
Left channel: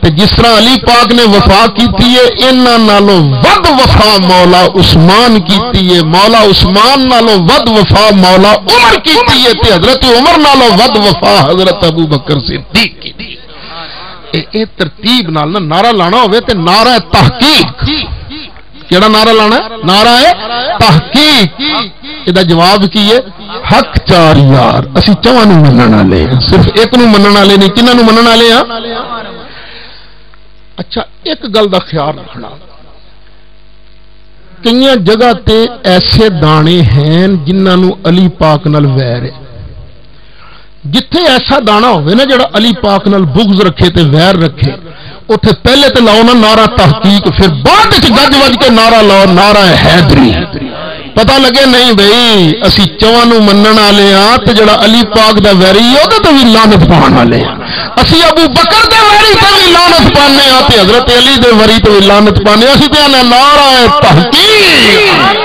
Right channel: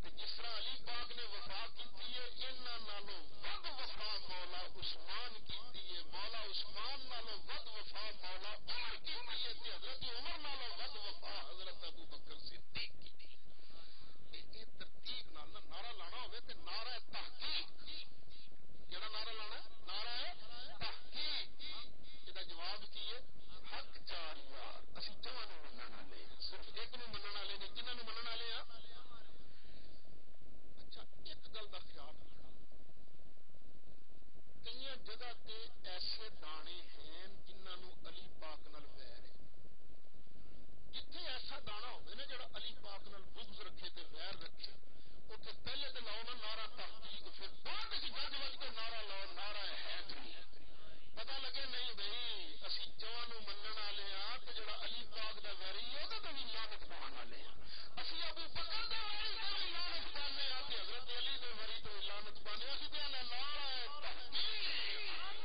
تے جس طرح علی پاک نے وفا کیتی ہے، انہاں نالوں ود وفا مولا عثمان کیتی ہے. مولا عثمان نالوں ود وفا مولا عمر کیتی ہے. تے حضرت عمر نالوں ود وفا حضرت ابو بکر صدیق کیتی. اے ترتیب نال نہ نعرہ لانا ہوئے تے نعرہ تحقیق. کیڑا نعرہ لانا ہے؟ نعرہ تحقیق. یہ جواب کی ہے؟ حق چار یار. اسی چواں نو منن والے ہیں، صرف ایک نو منن والے نہیں. کنہاں نو منن والے ہیں؟ اچھا ایک گل دا خیال رکھنا، کئی جگہ تے ایسے دانے ہیں جنہاں نو علی پاک نال ویر ہے. جتھے ایسا دانا ہوئے نا جڑا علی پاک نال بغض رکھے تے ویر رکھے، اتھے پہلے تے لاؤ نا نعرہ تحقیق، پھر بعد وچ گج وج کے نعرہ لاؤ نعرہ حیدری. پتہ لگے نہیں بھئی اسی چواں نو منن والے ہاں تے جڑا علی پاک دا ویری ہے او تے وی لعنت پاون والے ہاں. اسی ابو بکر دے ویری تے وی لعنت پانے ہاں تے حضرت علی دے ویری تے وی لعنت پانے. اسی تے نعرہ تحقیق.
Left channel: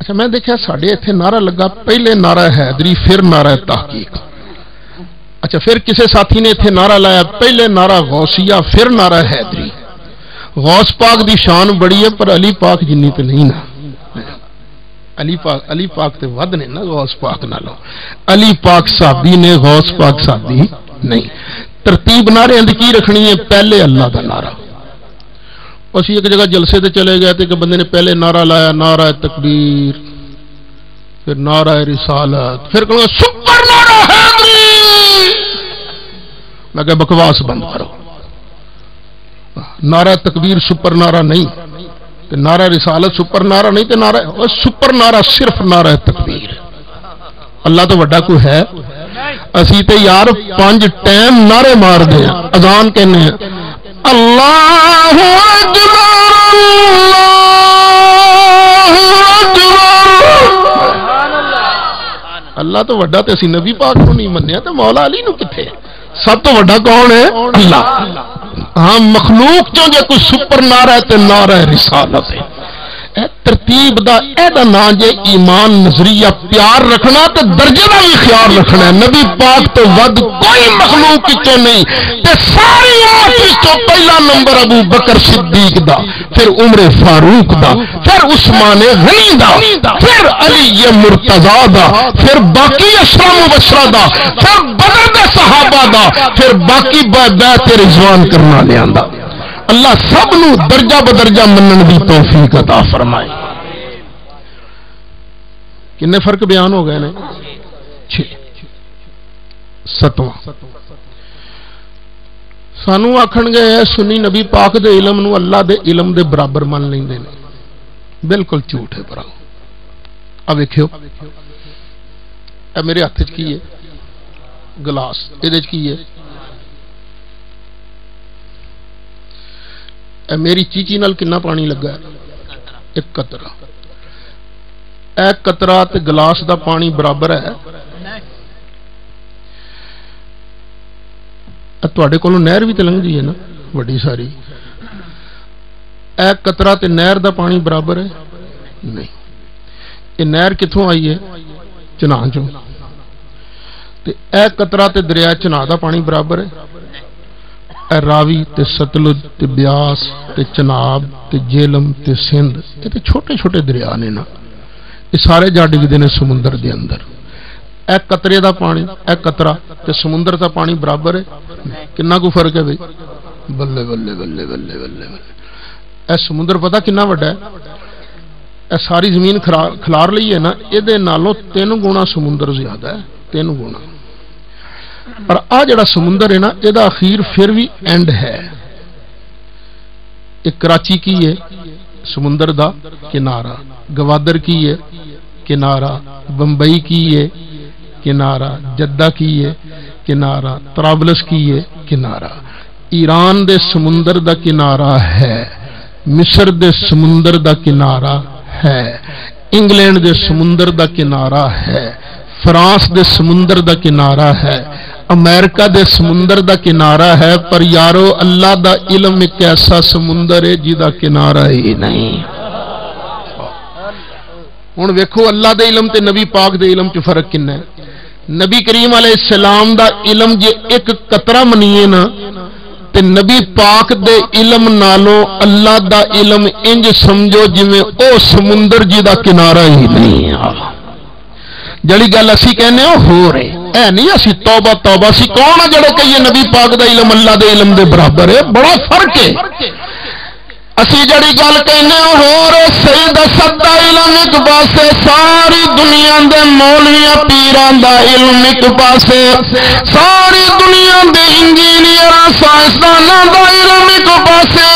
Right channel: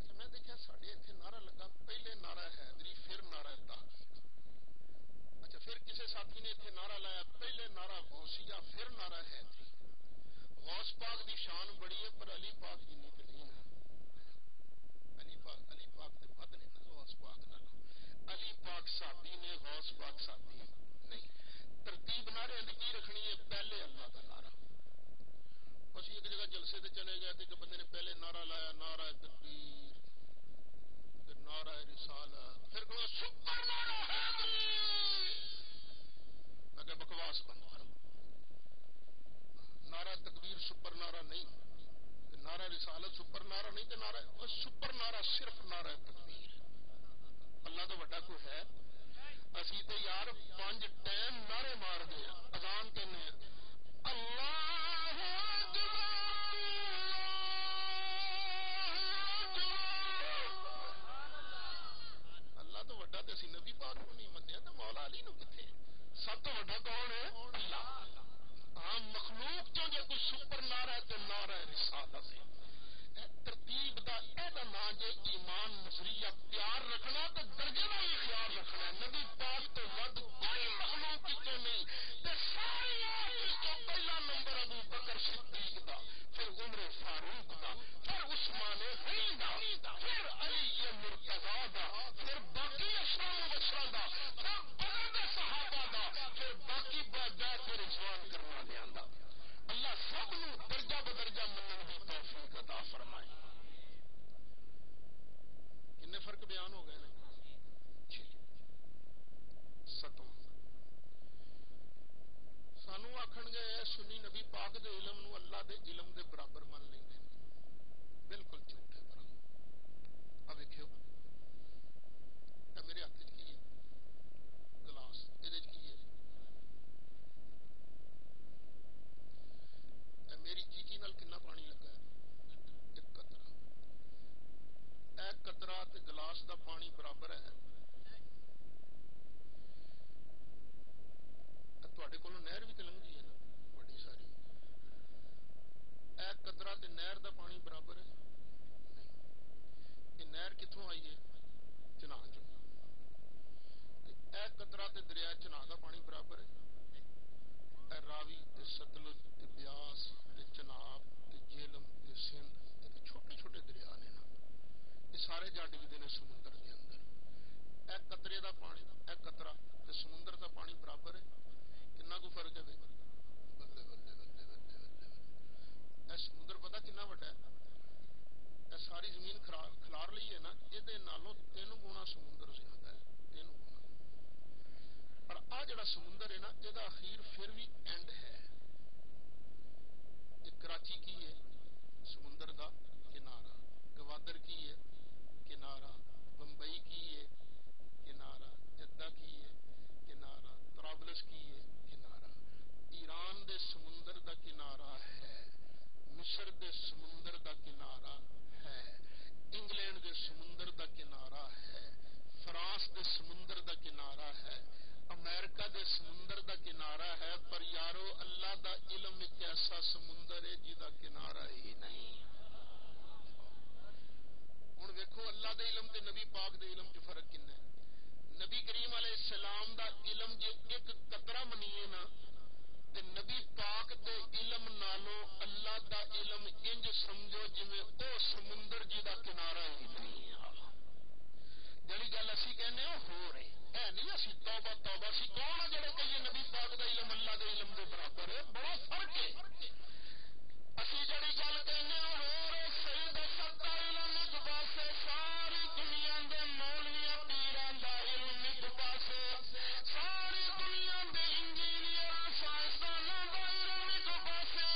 اچھا میں دیکھا ساڈے ایتھے نعرہ لگا پہلے نعرہ حیدری پھر نعرہ تحقیق. اچھا پھر کسی ساتھی نے ایتھے نعرہ لایا پہلے نعرہ غوثیہ پھر نعرہ حیدری. غوث پاک دی شان بڑی ہے پر علی پاک جنی تے نہیں نا. علی پاک تے ود نے نا غوث پاک نالوں. علی پاک صحابی نے، غوث پاک صحابی نہیں. ترتیب نعرے اندر کی رکھنی ہے؟ پہلے اللہ دا نعرہ. اسی ایک جگہ جلسے تے چلے گئے تھے کہ بندے نے پہلے نعرہ لایا نعرہ تکبیر، پھر نعرہ رسالت، پھر کہوں گا سپر نعرہ حیدری. میں کہ بکواس بند کرو. نعرہ تکبیر سپر نعرہ نہیں، تے نعرہ رسالت سپر نعرہ نہیں، تے نعرہ سپر نعرہ صرف نعرہ تکبیر. اللہ تو وڈا کوئی ہے؟ اسی تے یار 5 ٹائم نعرے مار دے، اذان کہنے ہیں اللہ اکبر اللہ تو وڈا تے اسی نبی پاک کو نہیں منیا تے مولا علی نو کتھے؟ سب تو وڈا کون ہے؟ اللہ. ہاں مخلوق چوں جے کوئی سپر نعرہ ہے تے نعرہ رسالت ہے. ترتیب دا اے دا نا جے ایمان نظریہ پیار رکھنا تے درجے دا بھی خیال رکھنا ہے. نبی پاک تو ود کوئی مخلوق چوں نہیں تے ساری امت تو پہلا نمبر ابو بکر صدیق دا، پھر عمر فاروق دا، پھر عثمان غنی دا، پھر علی مرتضی دا، پھر باقی اشرا مبشرہ دا، پھر بدر دے صحابہ دا، پھر باقی بیعت رضوان کرنا لیاندا. اللہ سب نو درجہ بدرجہ منن دی توفیق عطا فرمائے. کنے فرق بیان ہو گئے نے؟ 6. 7واں سانو آکھن گے سنی نبی پاک دے علم نو اللہ دے علم دے برابر من لیندے نے. بالکل جھوٹ ہے بھراؤ. اب ویکھیو اے میرے ہاتھ وچ کی ہے؟ گلاس. ایدے وچ کی ہے؟ اے میری چیچی نال کنا پانی لگا ہے؟ 1 قطرہ. اے قطرہ تے گلاس دا پانی برابر ہے؟ تواڈے کولوں نہر بھی تے لنگ جی ہے نا وڈی ساری. اے قطرہ تے نہر دا پانی برابر ہے؟ نہیں. یہ نہر کتھوں آئی ہے؟ چناں چوں. تے اے قطرہ تے دریا چناں دا پانی برابر ہے؟ اے راوی تے ستلج تے بیاس تے چناب تے جیلم تے سندھ یہ تے چھوٹے چھوٹے دریا نے نا. یہ سارے جا ڈگدے نے سمندر دے اندر. اے قطرے دا پانی اے قطرہ تے سمندر دا پانی برابر ہے؟ کنا کو فرق ہے بھئی؟ بلے بلے بلے بلے بلے بلے. اے سمندر پتہ کنا وڈا ہے؟ اے ساری زمین کھلار لئی ہے نا، اے دے نالوں 3 گنا سمندر زیادہ ہے. 3 گنا. پر آ جڑا سمندر ہے نا یہ دا اخیر پھر بھی اینڈ ہے. ایک کراچی کی ہے سمندر دا کنارہ، گوادر کی ہے کنارہ، بمبئی کی ہے کنارہ، جدہ کی ہے کنارہ، طرابلس کی ہے کنارہ. ایران دے سمندر دا کنارہ ہے، مصر دے سمندر دا کنارہ ہے، انگلینڈ دے سمندر دا کنارہ ہے، فرانس دے سمندر دا کنارہ ہے، امریکہ دے سمندر دا کنارہ ہے. پر یارو اللہ دا علم ایک ایسا سمندر ہے جی دا کنارہ ہی نہیں. ہن ویکھو اللہ دے علم تے نبی پاک دے علم چ فرق کنا ہے. نبی کریم علیہ السلام دا علم جے 1 قطرہ منیے نا تے نبی پاک دے علم نالوں اللہ دا علم انج سمجھو جویں او سمندر جی دا کنارہ ہی نہیں ہے. جڑی گل اسی کہنے ہو رہے اے نہیں اسی توبہ توبہ سی کون ہے جڑے کہ یہ نبی پاک دا علم اللہ دے علم دے برابر ہے؟ بڑا فرق ہے. اسی جڑی گل کہنے ہو رہے سید اسد دا علم ایک پاسے، ساری دنیا دے مولویاں پیران دا علم ایک پاسے، ساری دنیا دے انجینئراں سائنسداناں دا علم ایک پاسے،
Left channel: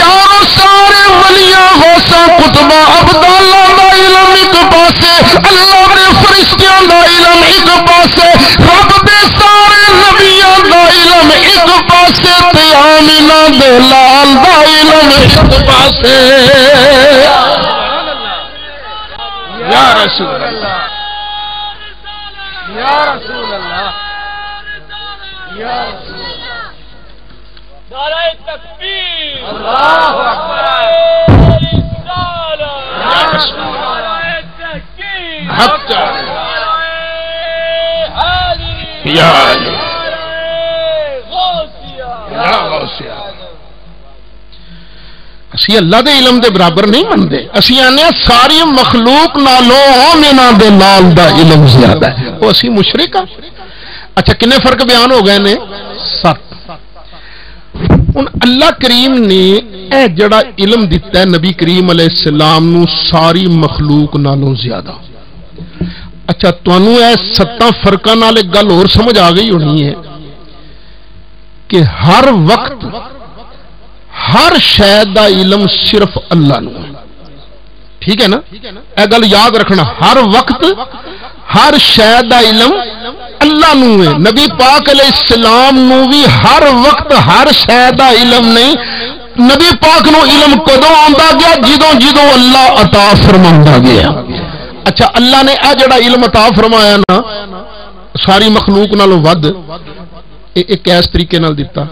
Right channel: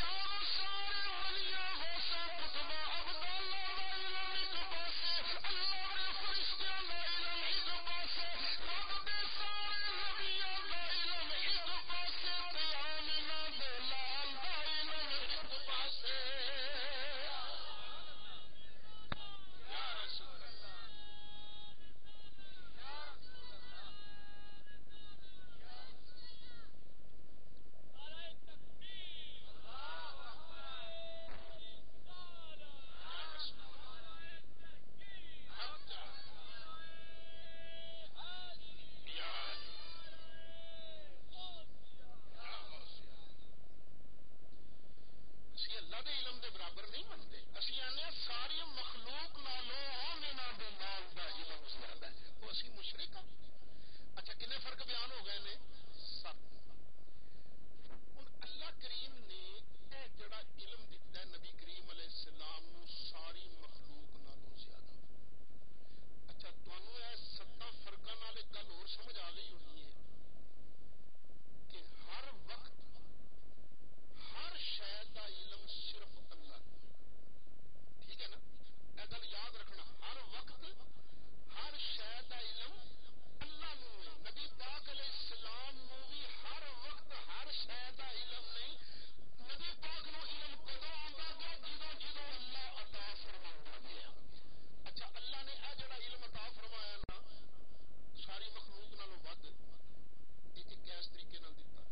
یارو سارے ولیاں غوثاں قطباں ابدالاں دا علم ایک پاسے، اللہ دے فرشتیاں دا علم ایک پاسے، رب دے سارے نبیاں دا علم ایک پاسے، تے آمینہ دے لال دا علم ایک پاسے. یا رسول اللہ یا رسول اللہ یا رسول اللہ. نعرہ تکبیر، اللہ اکبر، یا رسول اللہ حق یا غوثیہ. اسی اللہ دے علم دے برابر نہیں منتے، اسی آنے ساری مخلوق نالوں انہاں دے نال دا علم زیادہ ہے، وہ اسی مشرک ہاں۔ اچھا کنے فرق بیان ہو گئے نے؟ 7۔ ہن اللہ کریم نے اے جڑا علم دیتا ہے نبی کریم علیہ السلام نو ساری مخلوق نالوں زیادہ۔ اچھا تانوں اے 7 فرقاں نال ایک گل اور سمجھ آ گئی ہونی ہے کہ ہر وقت ہر شے دا علم صرف اللہ نو ہے، ٹھیک ہے نا؟ اے گل یاد رکھنا، ہر وقت ہر شے دا علم اللہ نو ہے۔ نبی پاک علیہ السلام نو بھی ہر وقت ہر شے دا علم نہیں، نبی پاک نو علم کدوں آندا گیا؟ جدوں جدوں اللہ عطا فرماوندا گیا۔ اچھا اللہ نے اے جڑا علم عطا فرمایا نا ساری مخلوق نالوں ود، ایک ایس طریقے نال دیتا،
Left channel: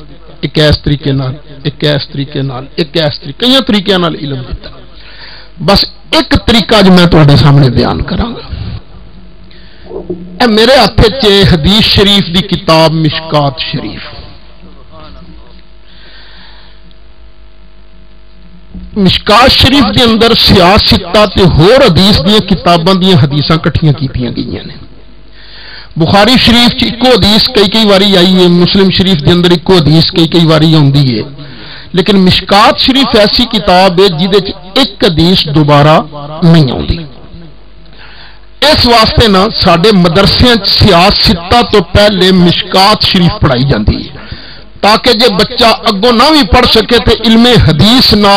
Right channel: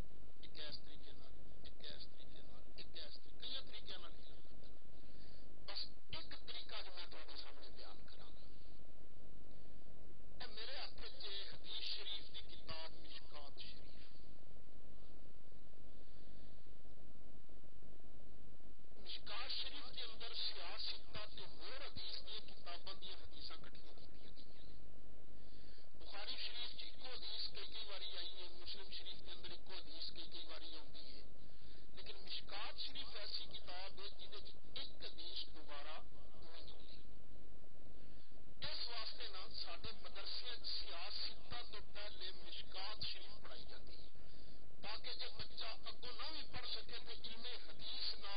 ایک ایس طریقے نال، ایک ایس طریقے نال، ایک ایس طریقے، کئی طریقے نال علم دیتا۔ بس ایک طریقہ جو میں تواڈے سامنے بیان کراں گا۔ اے میرے ہاتھ وچ حدیث شریف دی کتاب مشکات شریف، مشکات شریف دے اندر سیاستہ تے ہور حدیث دی کتاباں دی حدیثاں کٹھیاں کیتیاں گئیاں نے۔ بخاری شریف چ ایک حدیث کئی واری آئی ہے، مسلم شریف دے اندر ایک حدیث کئی واری آندی ہے، لیکن مشکات شریف ایسی کتاب ہے جدے چ ایک حدیث دوبارہ نہیں آندی۔ اس واسطے نا ساڈے مدرسے سیاستہ تو پہلے مشکات شریف پڑھائی جاندی ہے تاکہ جے بچہ اگوں نہ بھی پڑھ سکے تے علم حدیث نہ